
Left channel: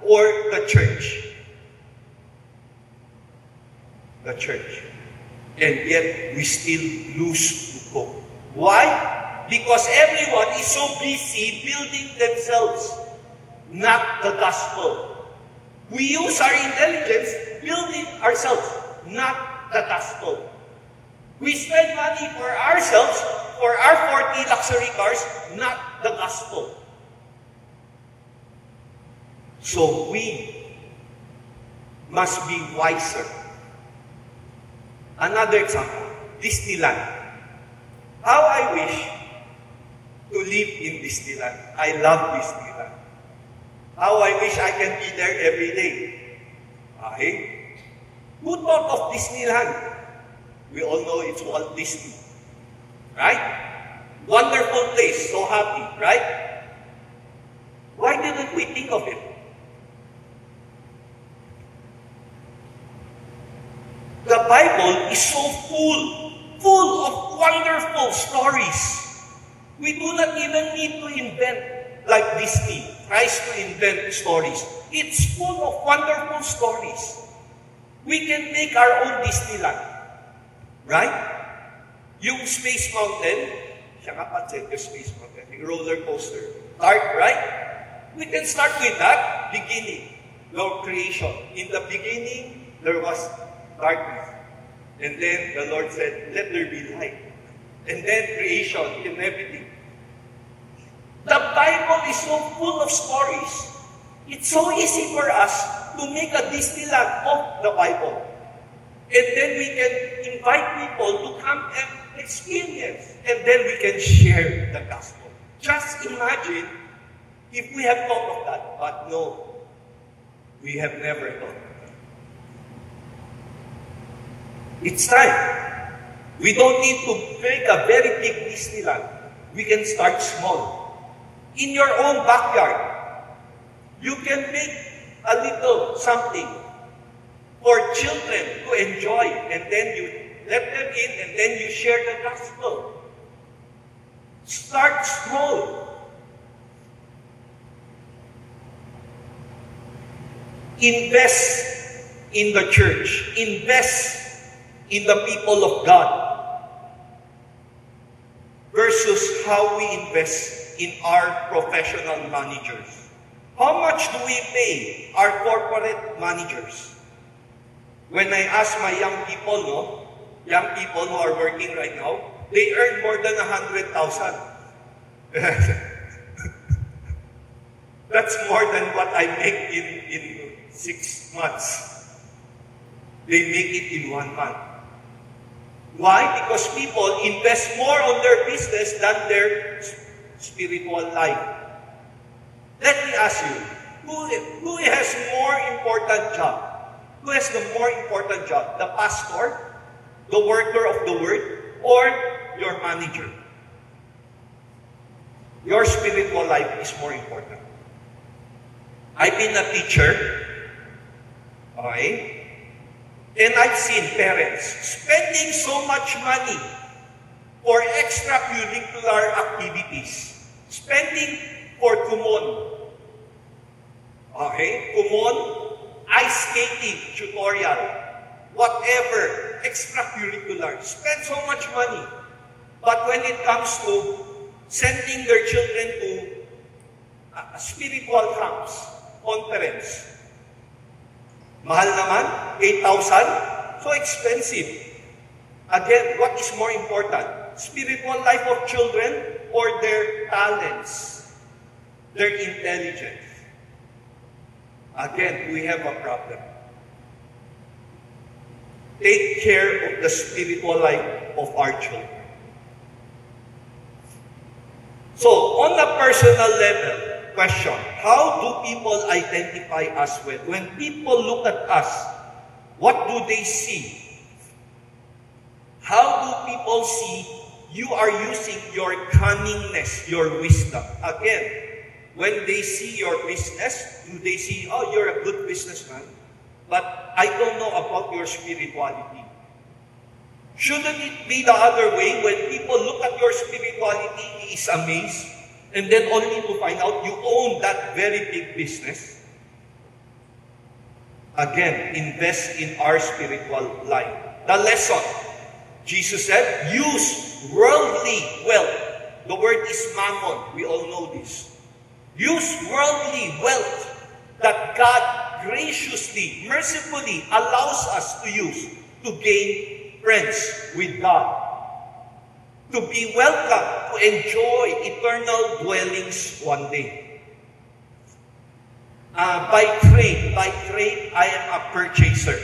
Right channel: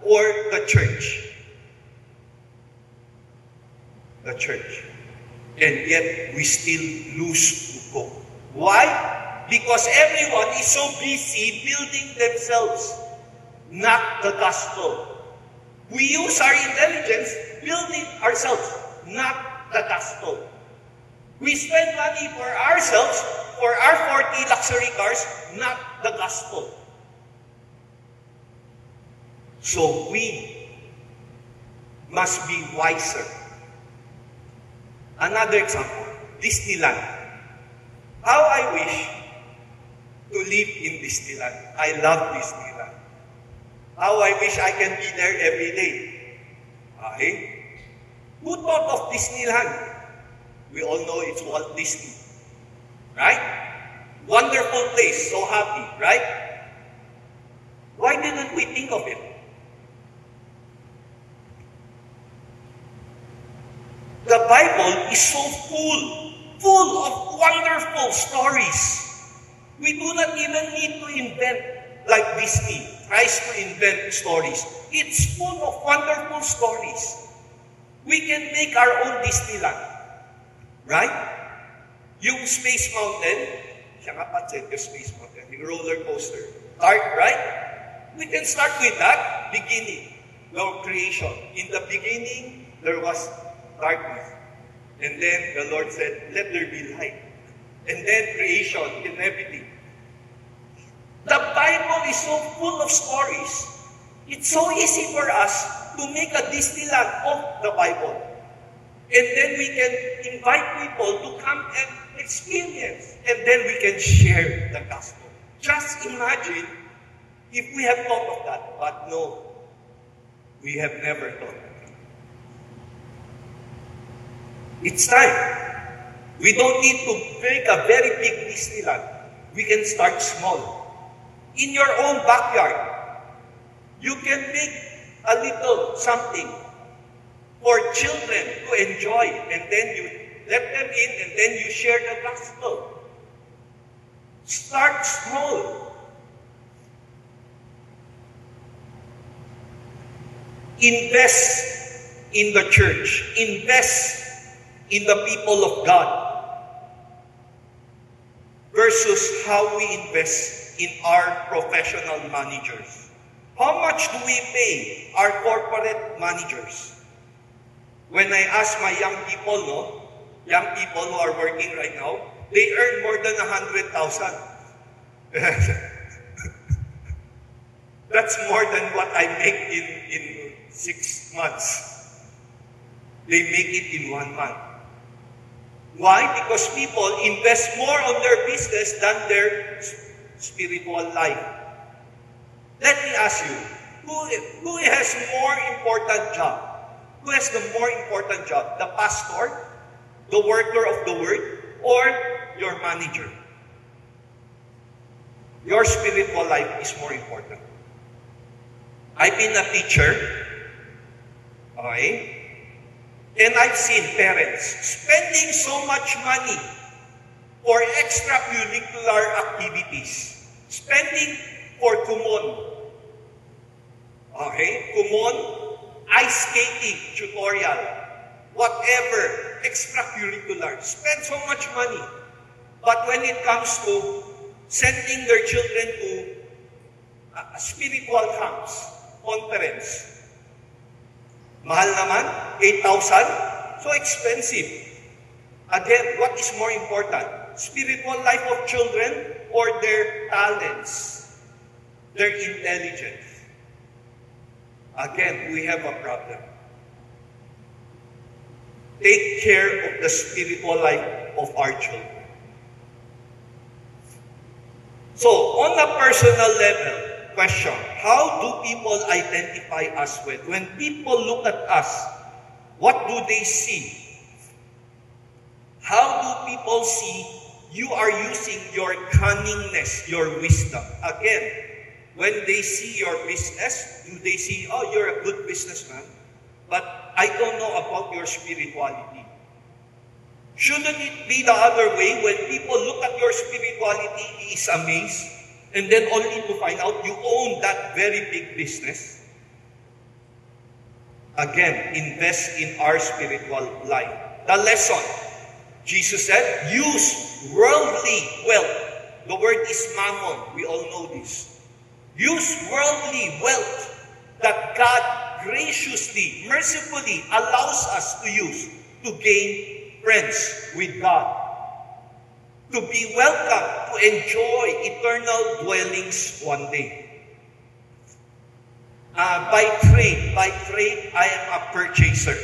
or the church? The church. And yet we still lose to Coke. Why? Because everyone is so busy building themselves, not the gospel. We use our intelligence building ourselves, not the gospel. We spend money for ourselves, for our 40 luxury cars, not the gospel. So we must be wiser. Another example, Disneyland. How I wish to live in Disneyland. I love Disneyland. How I wish I can be there every day. Okay? Who thought of Disneyland? We all know it's Walt Disney. Right? Wonderful place, so happy, right? Why didn't we think of it? The Bible is so full of wonderful stories. We do not even need to invent like Disney tries to invent stories. It's full of wonderful stories. We can make our own Disneyland. Right? Yung Space Mountain, siya nga pansin, yung Space Mountain, yung roller coaster. Dark, right? We can start with that, beginning, your creation. In the beginning, there was darkness. And then the Lord said, let there be light. And then creation and everything. The Bible is so full of stories. It's so easy for us to make a Disneyland of the Bible. And then we can invite people to come and experience. And then we can share the gospel. Just imagine if we have thought of that. But no, we have never thought of that. It's time. We don't need to make a very big Disneyland. We can start small. In your own backyard, you can make a little something for children to enjoy, and then you let them in, and then you share the gospel. Start small. Invest in the church. Invest in the people of God. Versus how we invest in our professional managers. How much do we pay our corporate managers? When I ask my young people who are working right now, they earn more than 100,000. That's more than what I make in 6 months. They make it in 1 month. Why? Because people invest more on their business than their spiritual life. Let me ask you, who has more important job? Who has the more important job? The pastor, the worker of the word, or your manager? Your spiritual life is more important. I've been a teacher, okay? And I've seen parents spending so much money for extracurricular activities, spending for kumon. Okay? Kumon, ice skating tutorial, whatever, extracurricular. Spend so much money. But when it comes to sending their children to spiritual camps, conference, mahal naman, 8,000, so expensive. Again, what is more important? Spiritual life of children or their talents, their intelligence? Again, we have a problem. Take care of the spiritual life of our children. So, on a personal level, question, how do people identify us with? When people look at us, what do they see? How do people see you are using your cunningness, your wisdom? Again, when they see your business, do they see, oh, you're a good businessman, but I don't know about your spirituality? Shouldn't it be the other way? When people look at your spirituality, he is amazed, and then only to find out you own that very big business? Again, invest in our spiritual life. The lesson, Jesus said, use worldly wealth. The word is mammon. We all know this. Use worldly wealth that God graciously, mercifully allows us to use to gain friends with God, to be welcome, to enjoy eternal dwellings one day. By trade, I am a purchaser.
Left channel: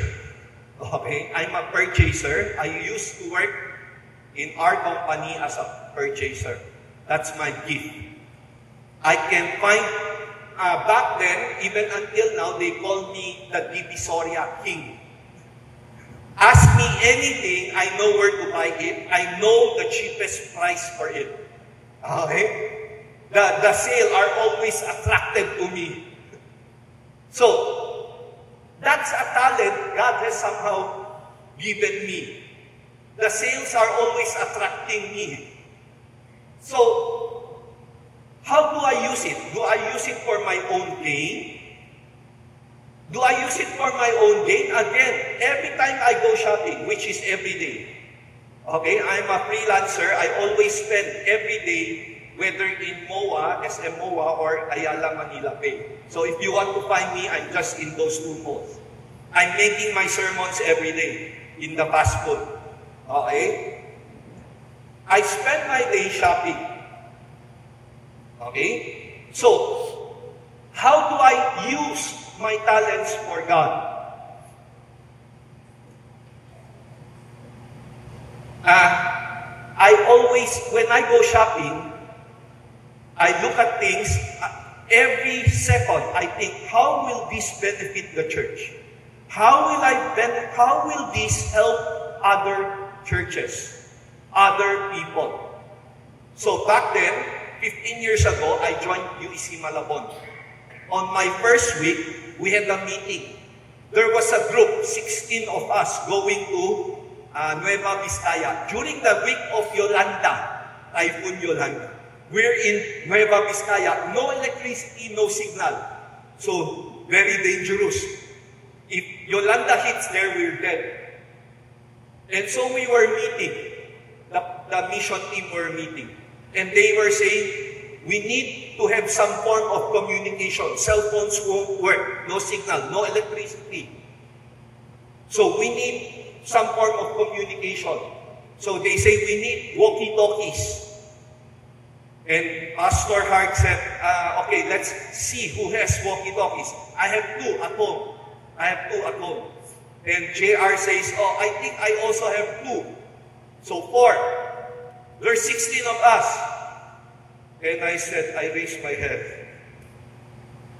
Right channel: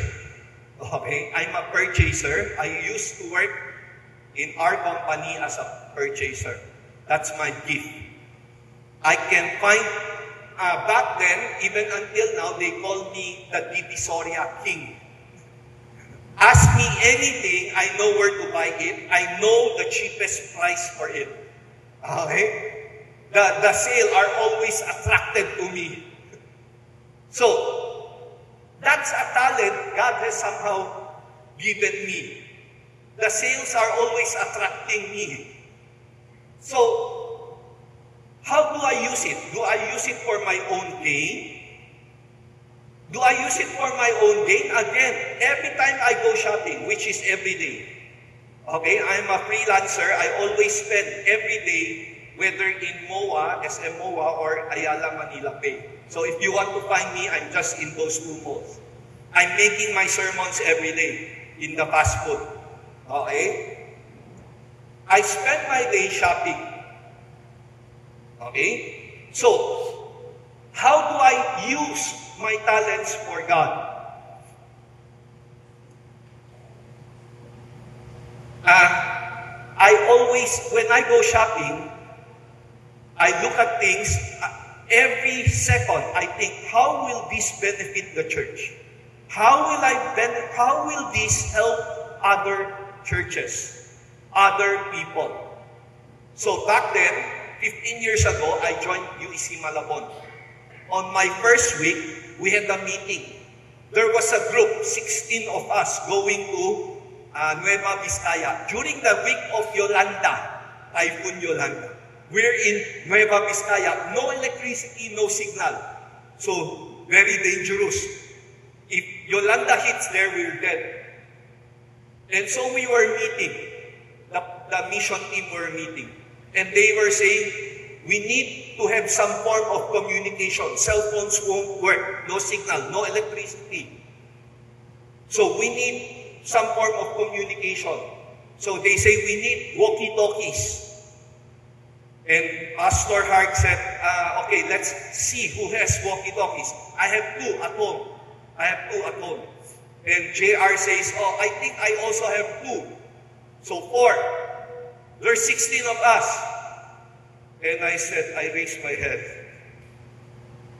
Okay, I'm a purchaser. I used to work in our company as a purchaser. That's my gift. I can find, back then, even until now, they call me the Divisoria King. Ask me anything, I know where to buy it. I know the cheapest price for it. Okay? The sale are always attracted to me. So, that's a talent God has somehow given me. The sales are always attracting me. So, how do I use it? Do I use it for my own gain? Do I use it for my own gain? Again, every time I go shopping, which is every day. Okay, I'm a freelancer. I always spend every day, whether in MOA, SM MOA, or Ayala Manila Pay. So if you want to find me, I'm just in those two malls. I'm making my sermons every day in the fast food. Okay? I spend my day shopping. Okay? So, how do I use my talents for God? I always, when I go shopping, I look at things, every second, I think, how will this benefit the church? How will this help other churches, other people? So back then, 15 years ago, I joined UEC Malabon. On my first week, we had a meeting. There was a group, 16 of us, going to Nueva Vizcaya. During the week of Yolanda, Typhoon Yolanda. We're in Nueva Vizcaya. No electricity, no signal. So, very dangerous. If Yolanda hits there, we're dead. And so we were meeting. The mission team were meeting. And they were saying, we need to have some form of communication. Cell phones won't work. No signal, no electricity. So we need some form of communication. So they say we need walkie-talkies. And Pastor Hart said, okay, let's see who has walkie-talkies. I have 2 at home. And JR says, oh, I think I also have 2. So 4. There's 16 of us. And I said, I raised my head.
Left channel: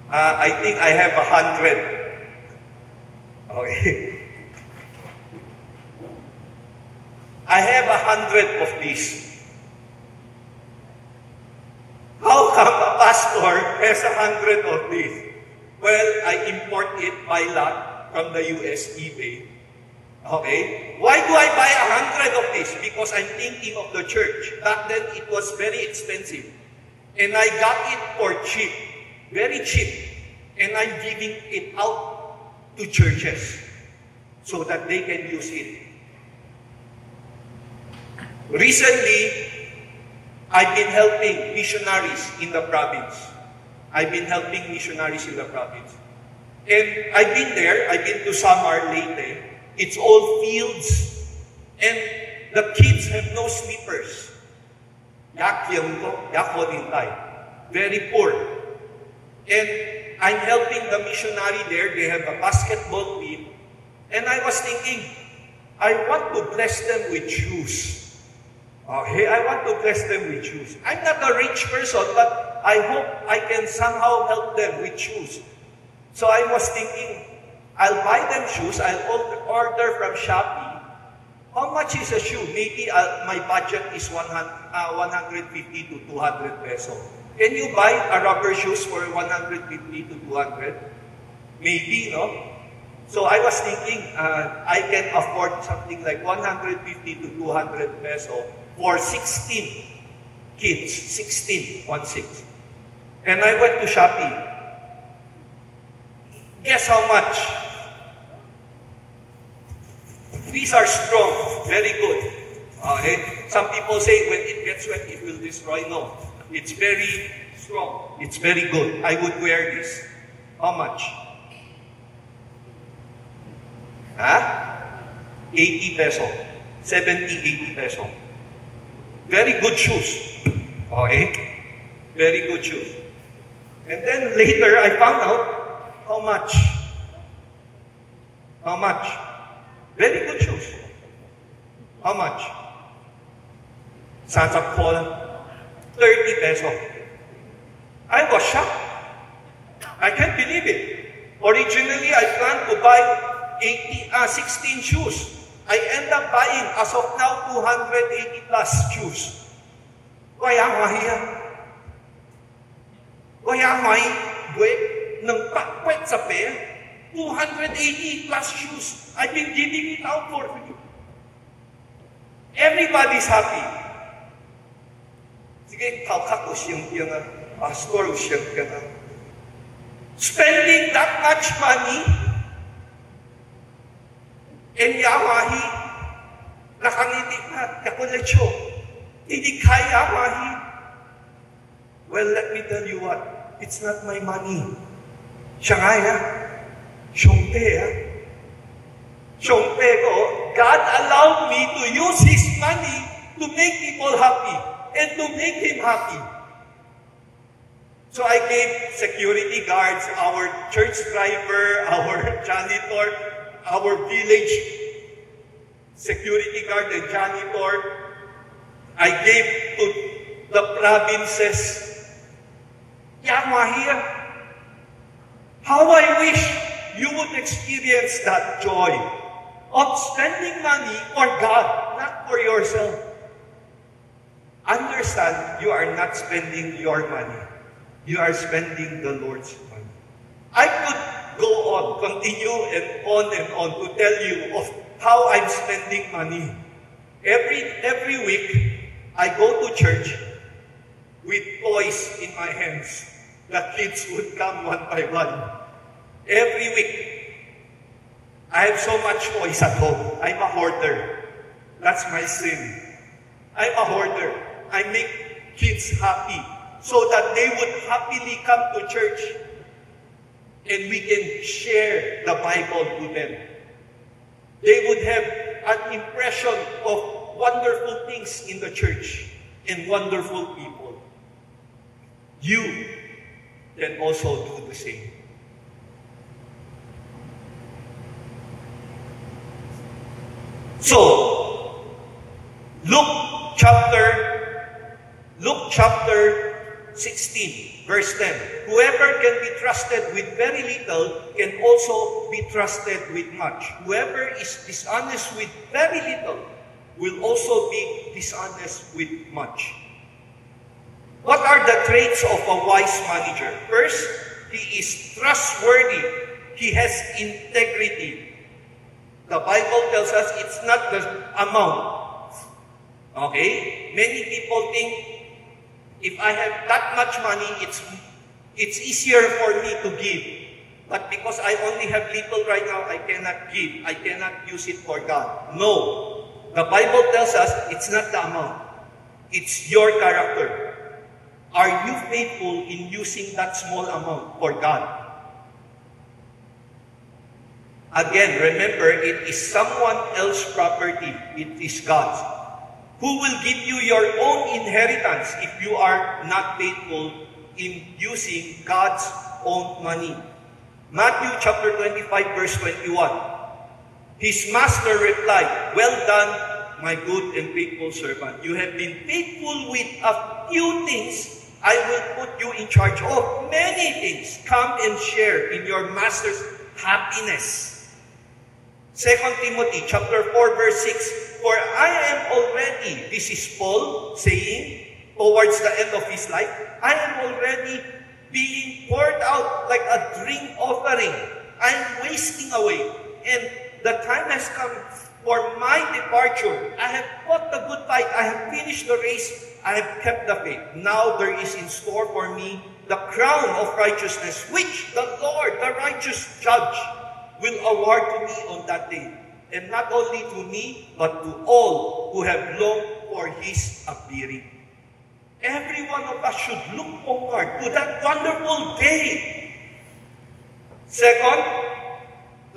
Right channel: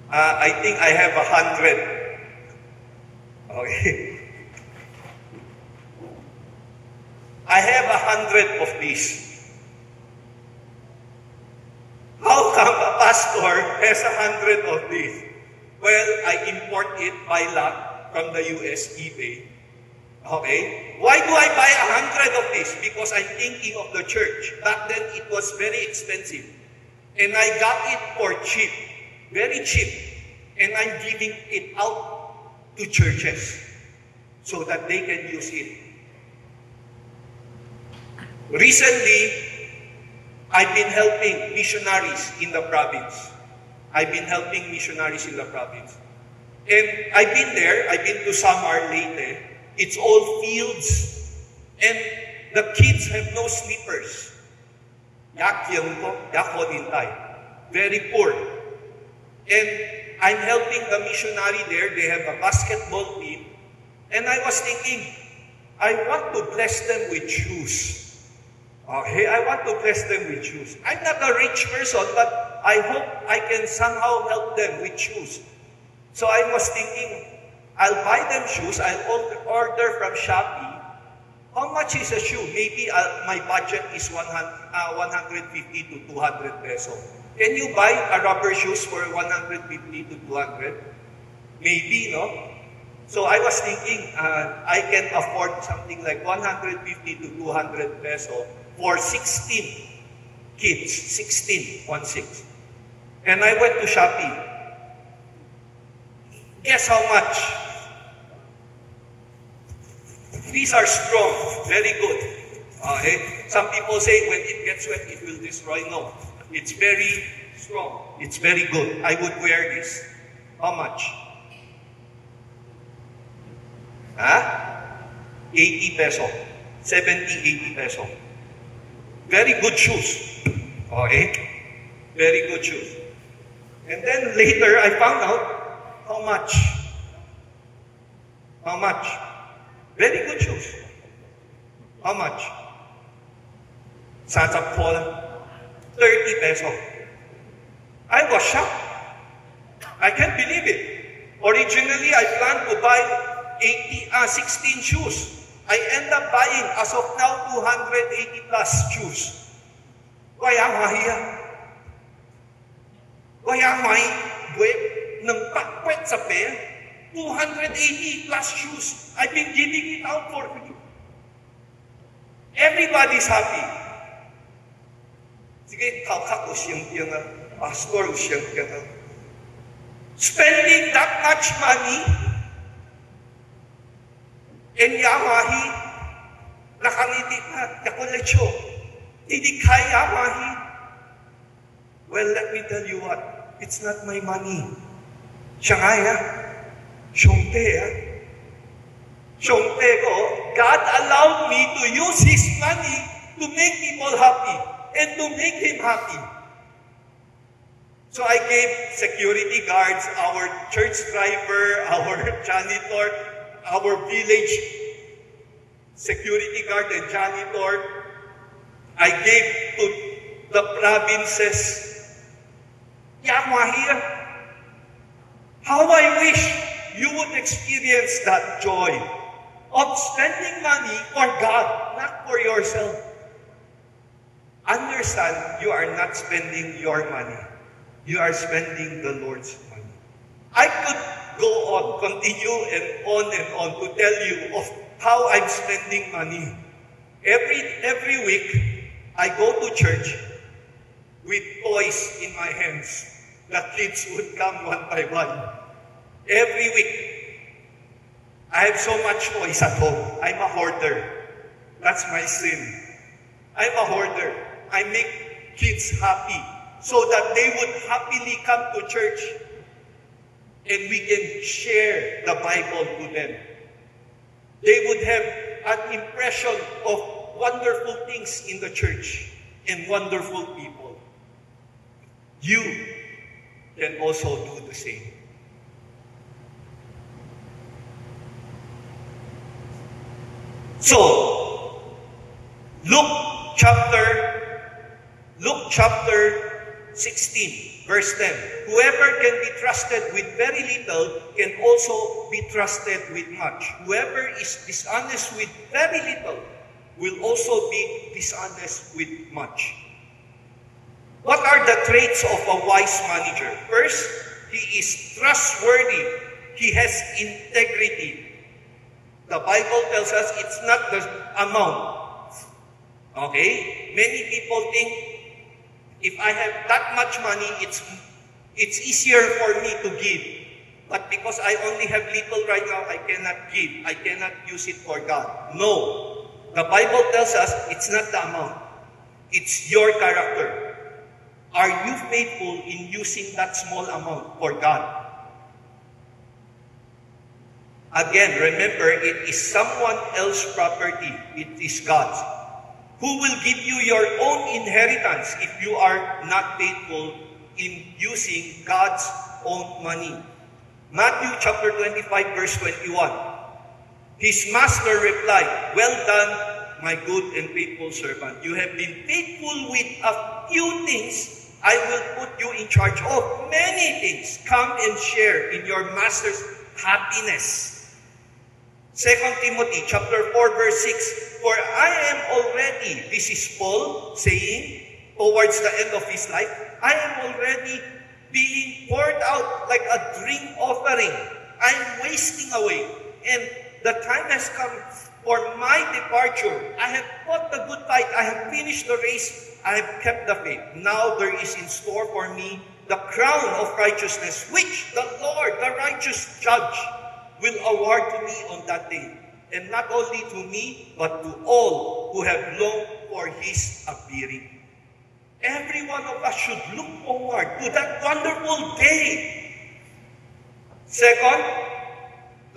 I think I have 100. Okay. I have 100 of these. How come a pastor has 100 of these? Well, I import it by lot from the US, eBay. Okay? Why do I buy 100 of this? Because I'm thinking of the church. Back then, it was very expensive. And I got it for cheap. Very cheap. and I'm giving it out to churches so that they can use it. Recently, I've been helping missionaries in the province. And I've been there. I've been to Samar Leyte. It's all fields. And the kids have no slippers. Very poor. And I'm helping the missionary there. They have a basketball team. And I was thinking, I want to bless them with shoes. Okay, I want to bless them with shoes. I'm not a rich person, but I hope I can somehow help them with shoes. So I was thinking, I'll buy them shoes. I'll order from Shopee. How much is a shoe? Maybe my budget is 150 to 200 peso. Can you buy a rubber shoes for 150 to 200? Maybe, no? So I was thinking, I can afford something like 150 to 200 peso for 16 kids. 16, 1-6. And I went to Shopee. Guess how much? These are strong, very good. Okay? Some people say when it gets wet, it will destroy. No. It's very strong. It's very good. I would wear this. How much? 80 peso. 70, 80 peso. Very good shoes. Okay? Very good shoes. And then later, I found out how much. How much? Very good shoes. How much? Sasakpol, 30 peso. I was shocked. I can't believe it. Originally, I planned to buy 16 shoes. I end up buying, as of now, 280 plus shoes. Kaya mahiya. Kaya may buwet ng pakwet sa pera. 280 plus shoes. I've been giving it out for you. Everybody's happy. Sige, kakak o siyang tiyangan. Pastor o siyang tiyangan. Spending that much money and yawahi nakanitik na kakulecho. Hindi kaya yawahi. Well, let me tell you what. It's not my money. Siya kaya. Shongte ko, God allowed me to use His money to make people happy and to make Him happy. So I gave security guards, our church driver, our janitor, our village security guard and janitor. I gave to the provinces. How I wish you would experience that joy of spending money for God, not for yourself. Understand, you are not spending your money. You are spending the Lord's money. I could go on, continue and on to tell you of how I'm spending money. Every week, I go to church with toys in my hands. The kids would come one by one. Every week, I have so much toys at home. I'm a hoarder. That's my sin. I'm a hoarder. I make kids happy so that they would happily come to church and we can share the Bible to them. They would have an impression of wonderful things in the church and wonderful people. You can also do the same. So, Luke chapter 16, verse 10. Whoever can be trusted with very little can also be trusted with much. Whoever is dishonest with very little will also be dishonest with much. What are the traits of a wise manager? First, he is trustworthy. He has integrity. The Bible tells us it's not the amount. Okay? Many people think, if I have that much money, it's easier for me to give. but because I only have little right now, I cannot give. I cannot use it for God. No. The Bible tells us it's not the amount. It's your character. Are you faithful in using that small amount for God? Again, remember, it is someone else's property. It is God's. Who will give you your own inheritance if you are not faithful in using God's own money? Matthew chapter 25, verse 21. His master replied, "Well done, my good and faithful servant. You have been faithful with a few things. I will put you in charge of many things. Come and share in your master's happiness." 2 Timothy chapter 4, verse 6. "For I am already," this is Paul saying towards the end of his life, "I am already being poured out like a drink offering. I am wasting away. And the time has come for my departure. I have fought the good fight. I have finished the race. I have kept the faith. Now there is in store for me the crown of righteousness, which the Lord, the righteous judge, will award to me on that day. And not only to me, but to all who have longed for His appearing." Every one of us should look forward to that wonderful day. Second,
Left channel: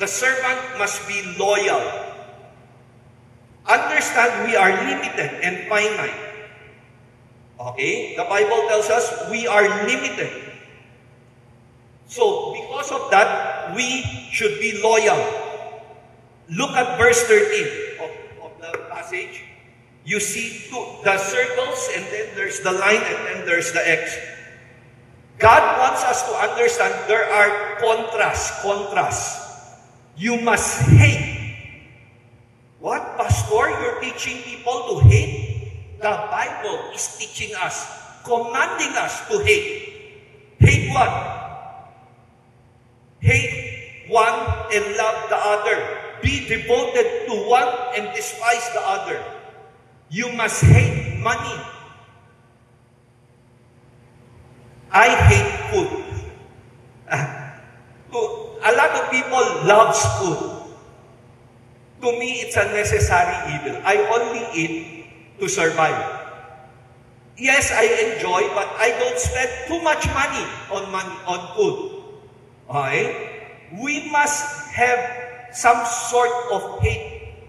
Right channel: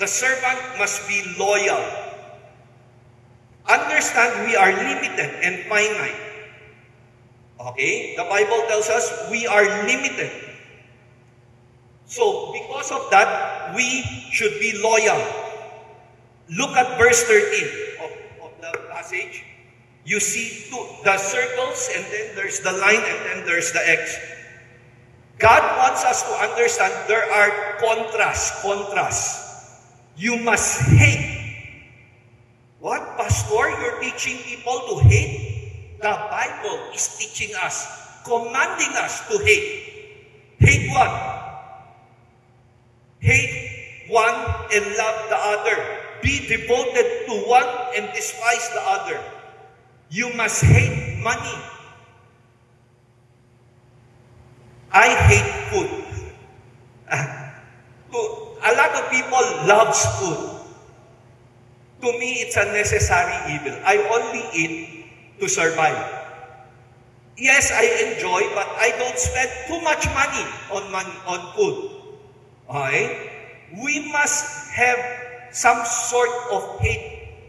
the servant must be loyal. Understand we are limited and finite. Okay? The Bible tells us we are limited. So, because of that, we should be loyal. Look at verse 13 of the passage. You see the circles, and then there's the line, and then there's the X. God wants us to understand there are contrasts. You must hate. What, Pastor? You're teaching people to hate? The Bible is teaching us, commanding us to hate. Hate what? Hate one and love the other. Be devoted to one and despise the other. You must hate money. I hate food. A lot of people love food. To me, it's a necessary evil. I only eat to survive. Yes, I enjoy, but I don't spend too much money on food. Okay? We must have some sort of hate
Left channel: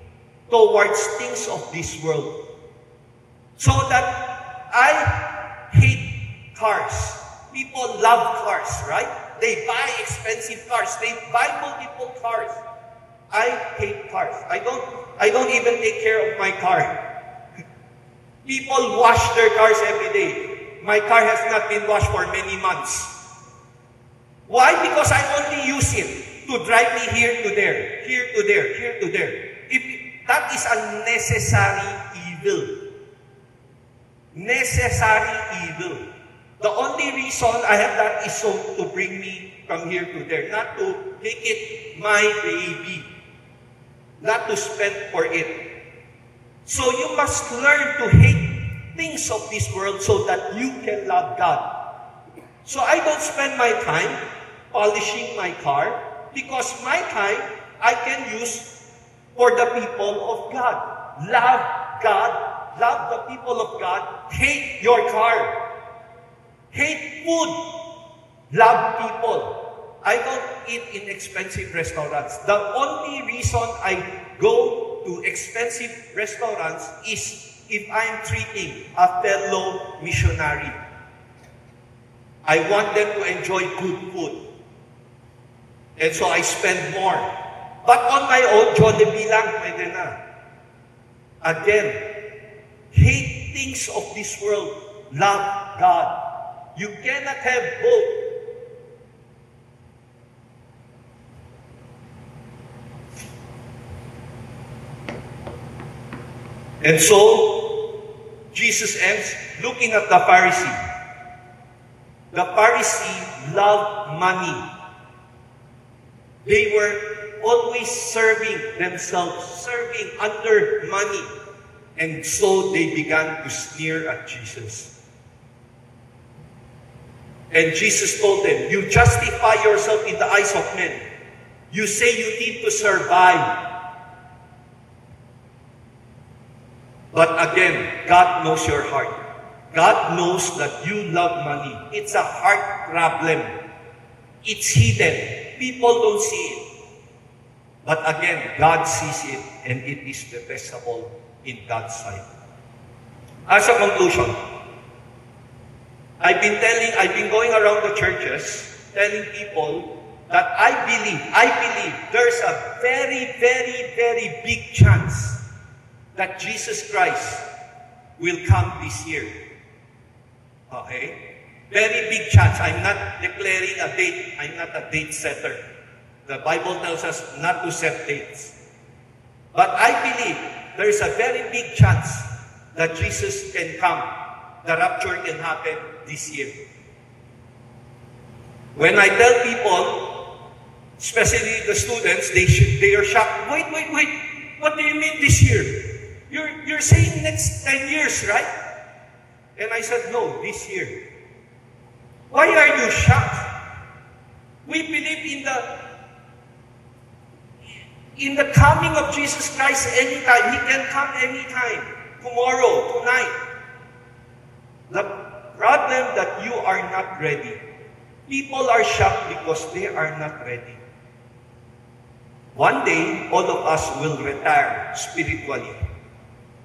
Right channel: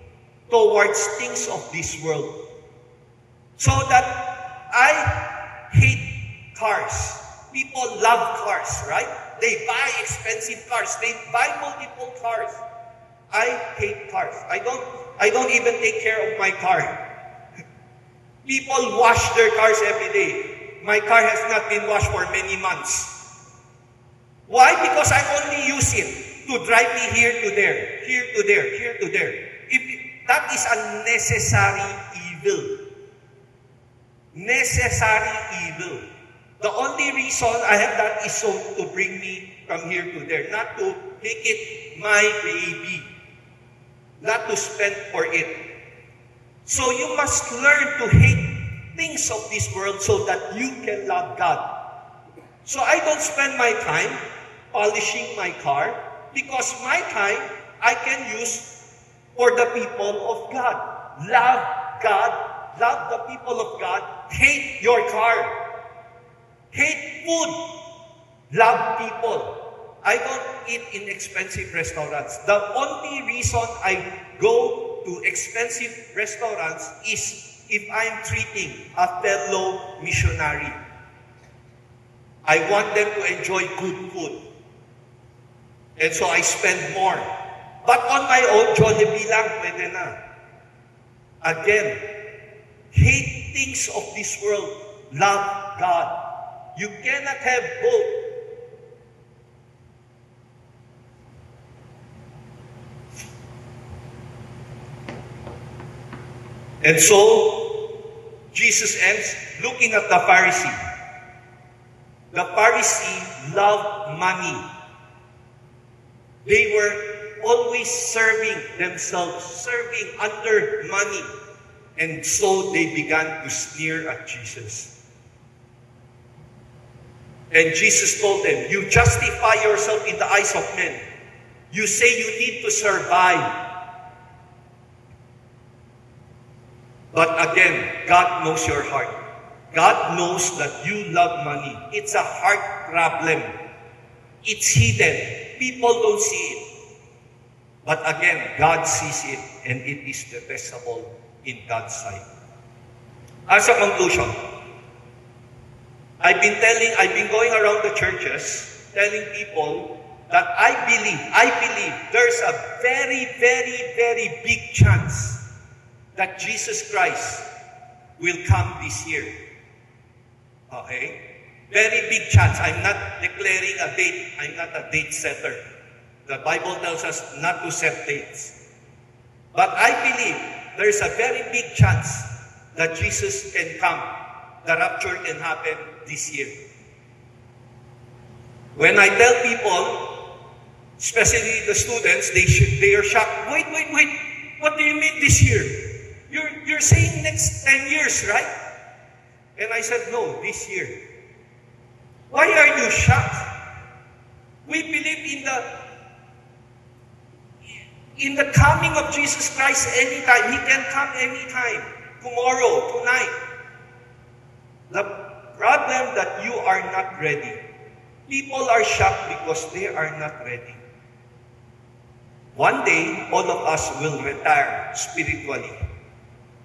towards things of this world. So that I hate cars. People love cars, right? They buy expensive cars. They buy multiple cars. I hate cars. I don't even take care of my car. People wash their cars every day. My car has not been washed for many months. Why? Because I only use it to drive me here to there, here to there, here to there. That is a necessary evil. Necessary evil. The only reason I have that is so to bring me from here to there, not to make it my baby, not to spend for it. So you must learn to hate things of this world so that you can love God. So I don't spend my time polishing my car because my time I can use for the people of God. Love God. Love the people of God. Hate your car. Hate food. Love people. I don't eat in expensive restaurants. The only reason I go to expensive restaurants is if I'm treating a fellow missionary. I want them to enjoy good food. And so I spend more. But on my own, Jollibee lang, pwede na. Again, hate things of this world. Love God. You cannot have both. And so, Jesus ends looking at the Pharisee. The Pharisee loved money. They were always serving themselves, serving under money. And so they began to sneer at Jesus. And Jesus told them, you justify yourself in the eyes of men. You say you need to survive. But again, God knows your heart. God knows that you love money. It's a heart problem. It's hidden. People don't see it. But again, God sees it, and it is detestable in God's sight. As a conclusion, I've been going around the churches telling people that I believe there's a very, very, very big chance that Jesus Christ will come this year. Okay? Very big chance. I'm not declaring a date. I'm not a date setter. The Bible tells us not to set dates. But I believe there's a very big chance that Jesus can come. The rapture can happen this year. When I tell people, especially the students, they are shocked. Wait. What do you mean this year? You're saying next 10 years, right? And I said, no, this year. Why are you shocked? We believe in the coming of Jesus Christ anytime. He can come anytime. Tomorrow, tonight. The problem that you are not ready. People are shocked because they are not ready. One day, all of us will retire spiritually.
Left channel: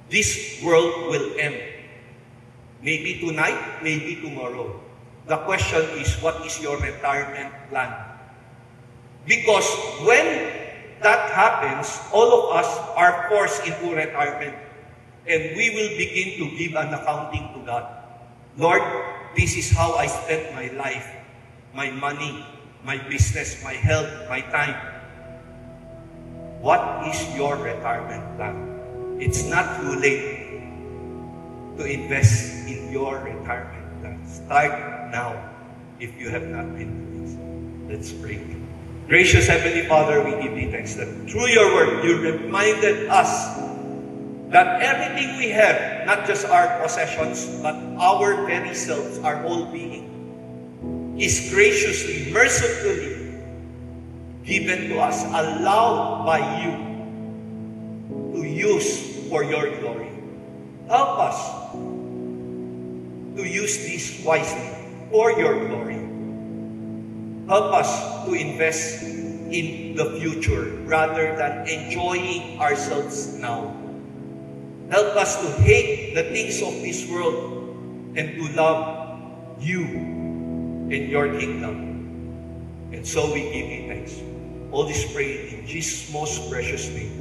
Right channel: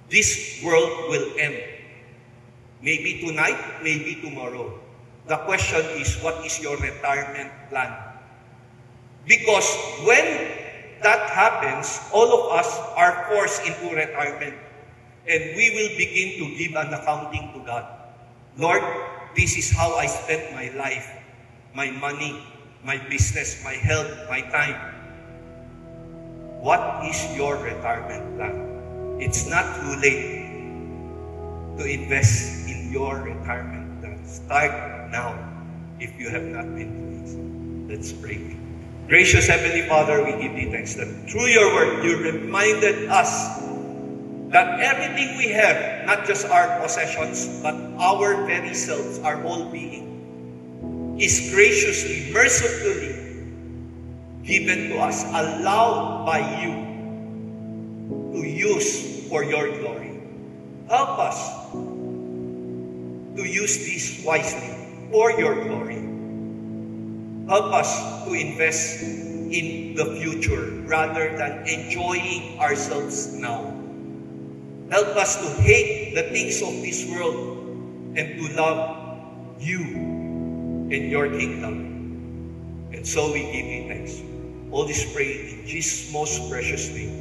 This world will end. Maybe tonight, maybe tomorrow. The question is, what is your retirement plan? Because when that happens, all of us are forced into retirement. And we will begin to give an accounting to God. Lord, this is how I spent my life, my money, my business, my health, my time. What is your retirement plan? It's not too late to invest in your retirement plan. Start now if you have not been doing so. Let's pray. Gracious Heavenly Father, we give you thanks that through your word, you reminded us that everything we have, not just our possessions, but our very selves, our whole being, is graciously, mercifully given to us, allowed by you to use for your glory. Help us to use this wisely for your glory. Help us to invest in the future rather than enjoying ourselves now. Help us to hate the things of this world and to love you and your kingdom. And so we give you thanks. All this praise in Jesus' most precious name.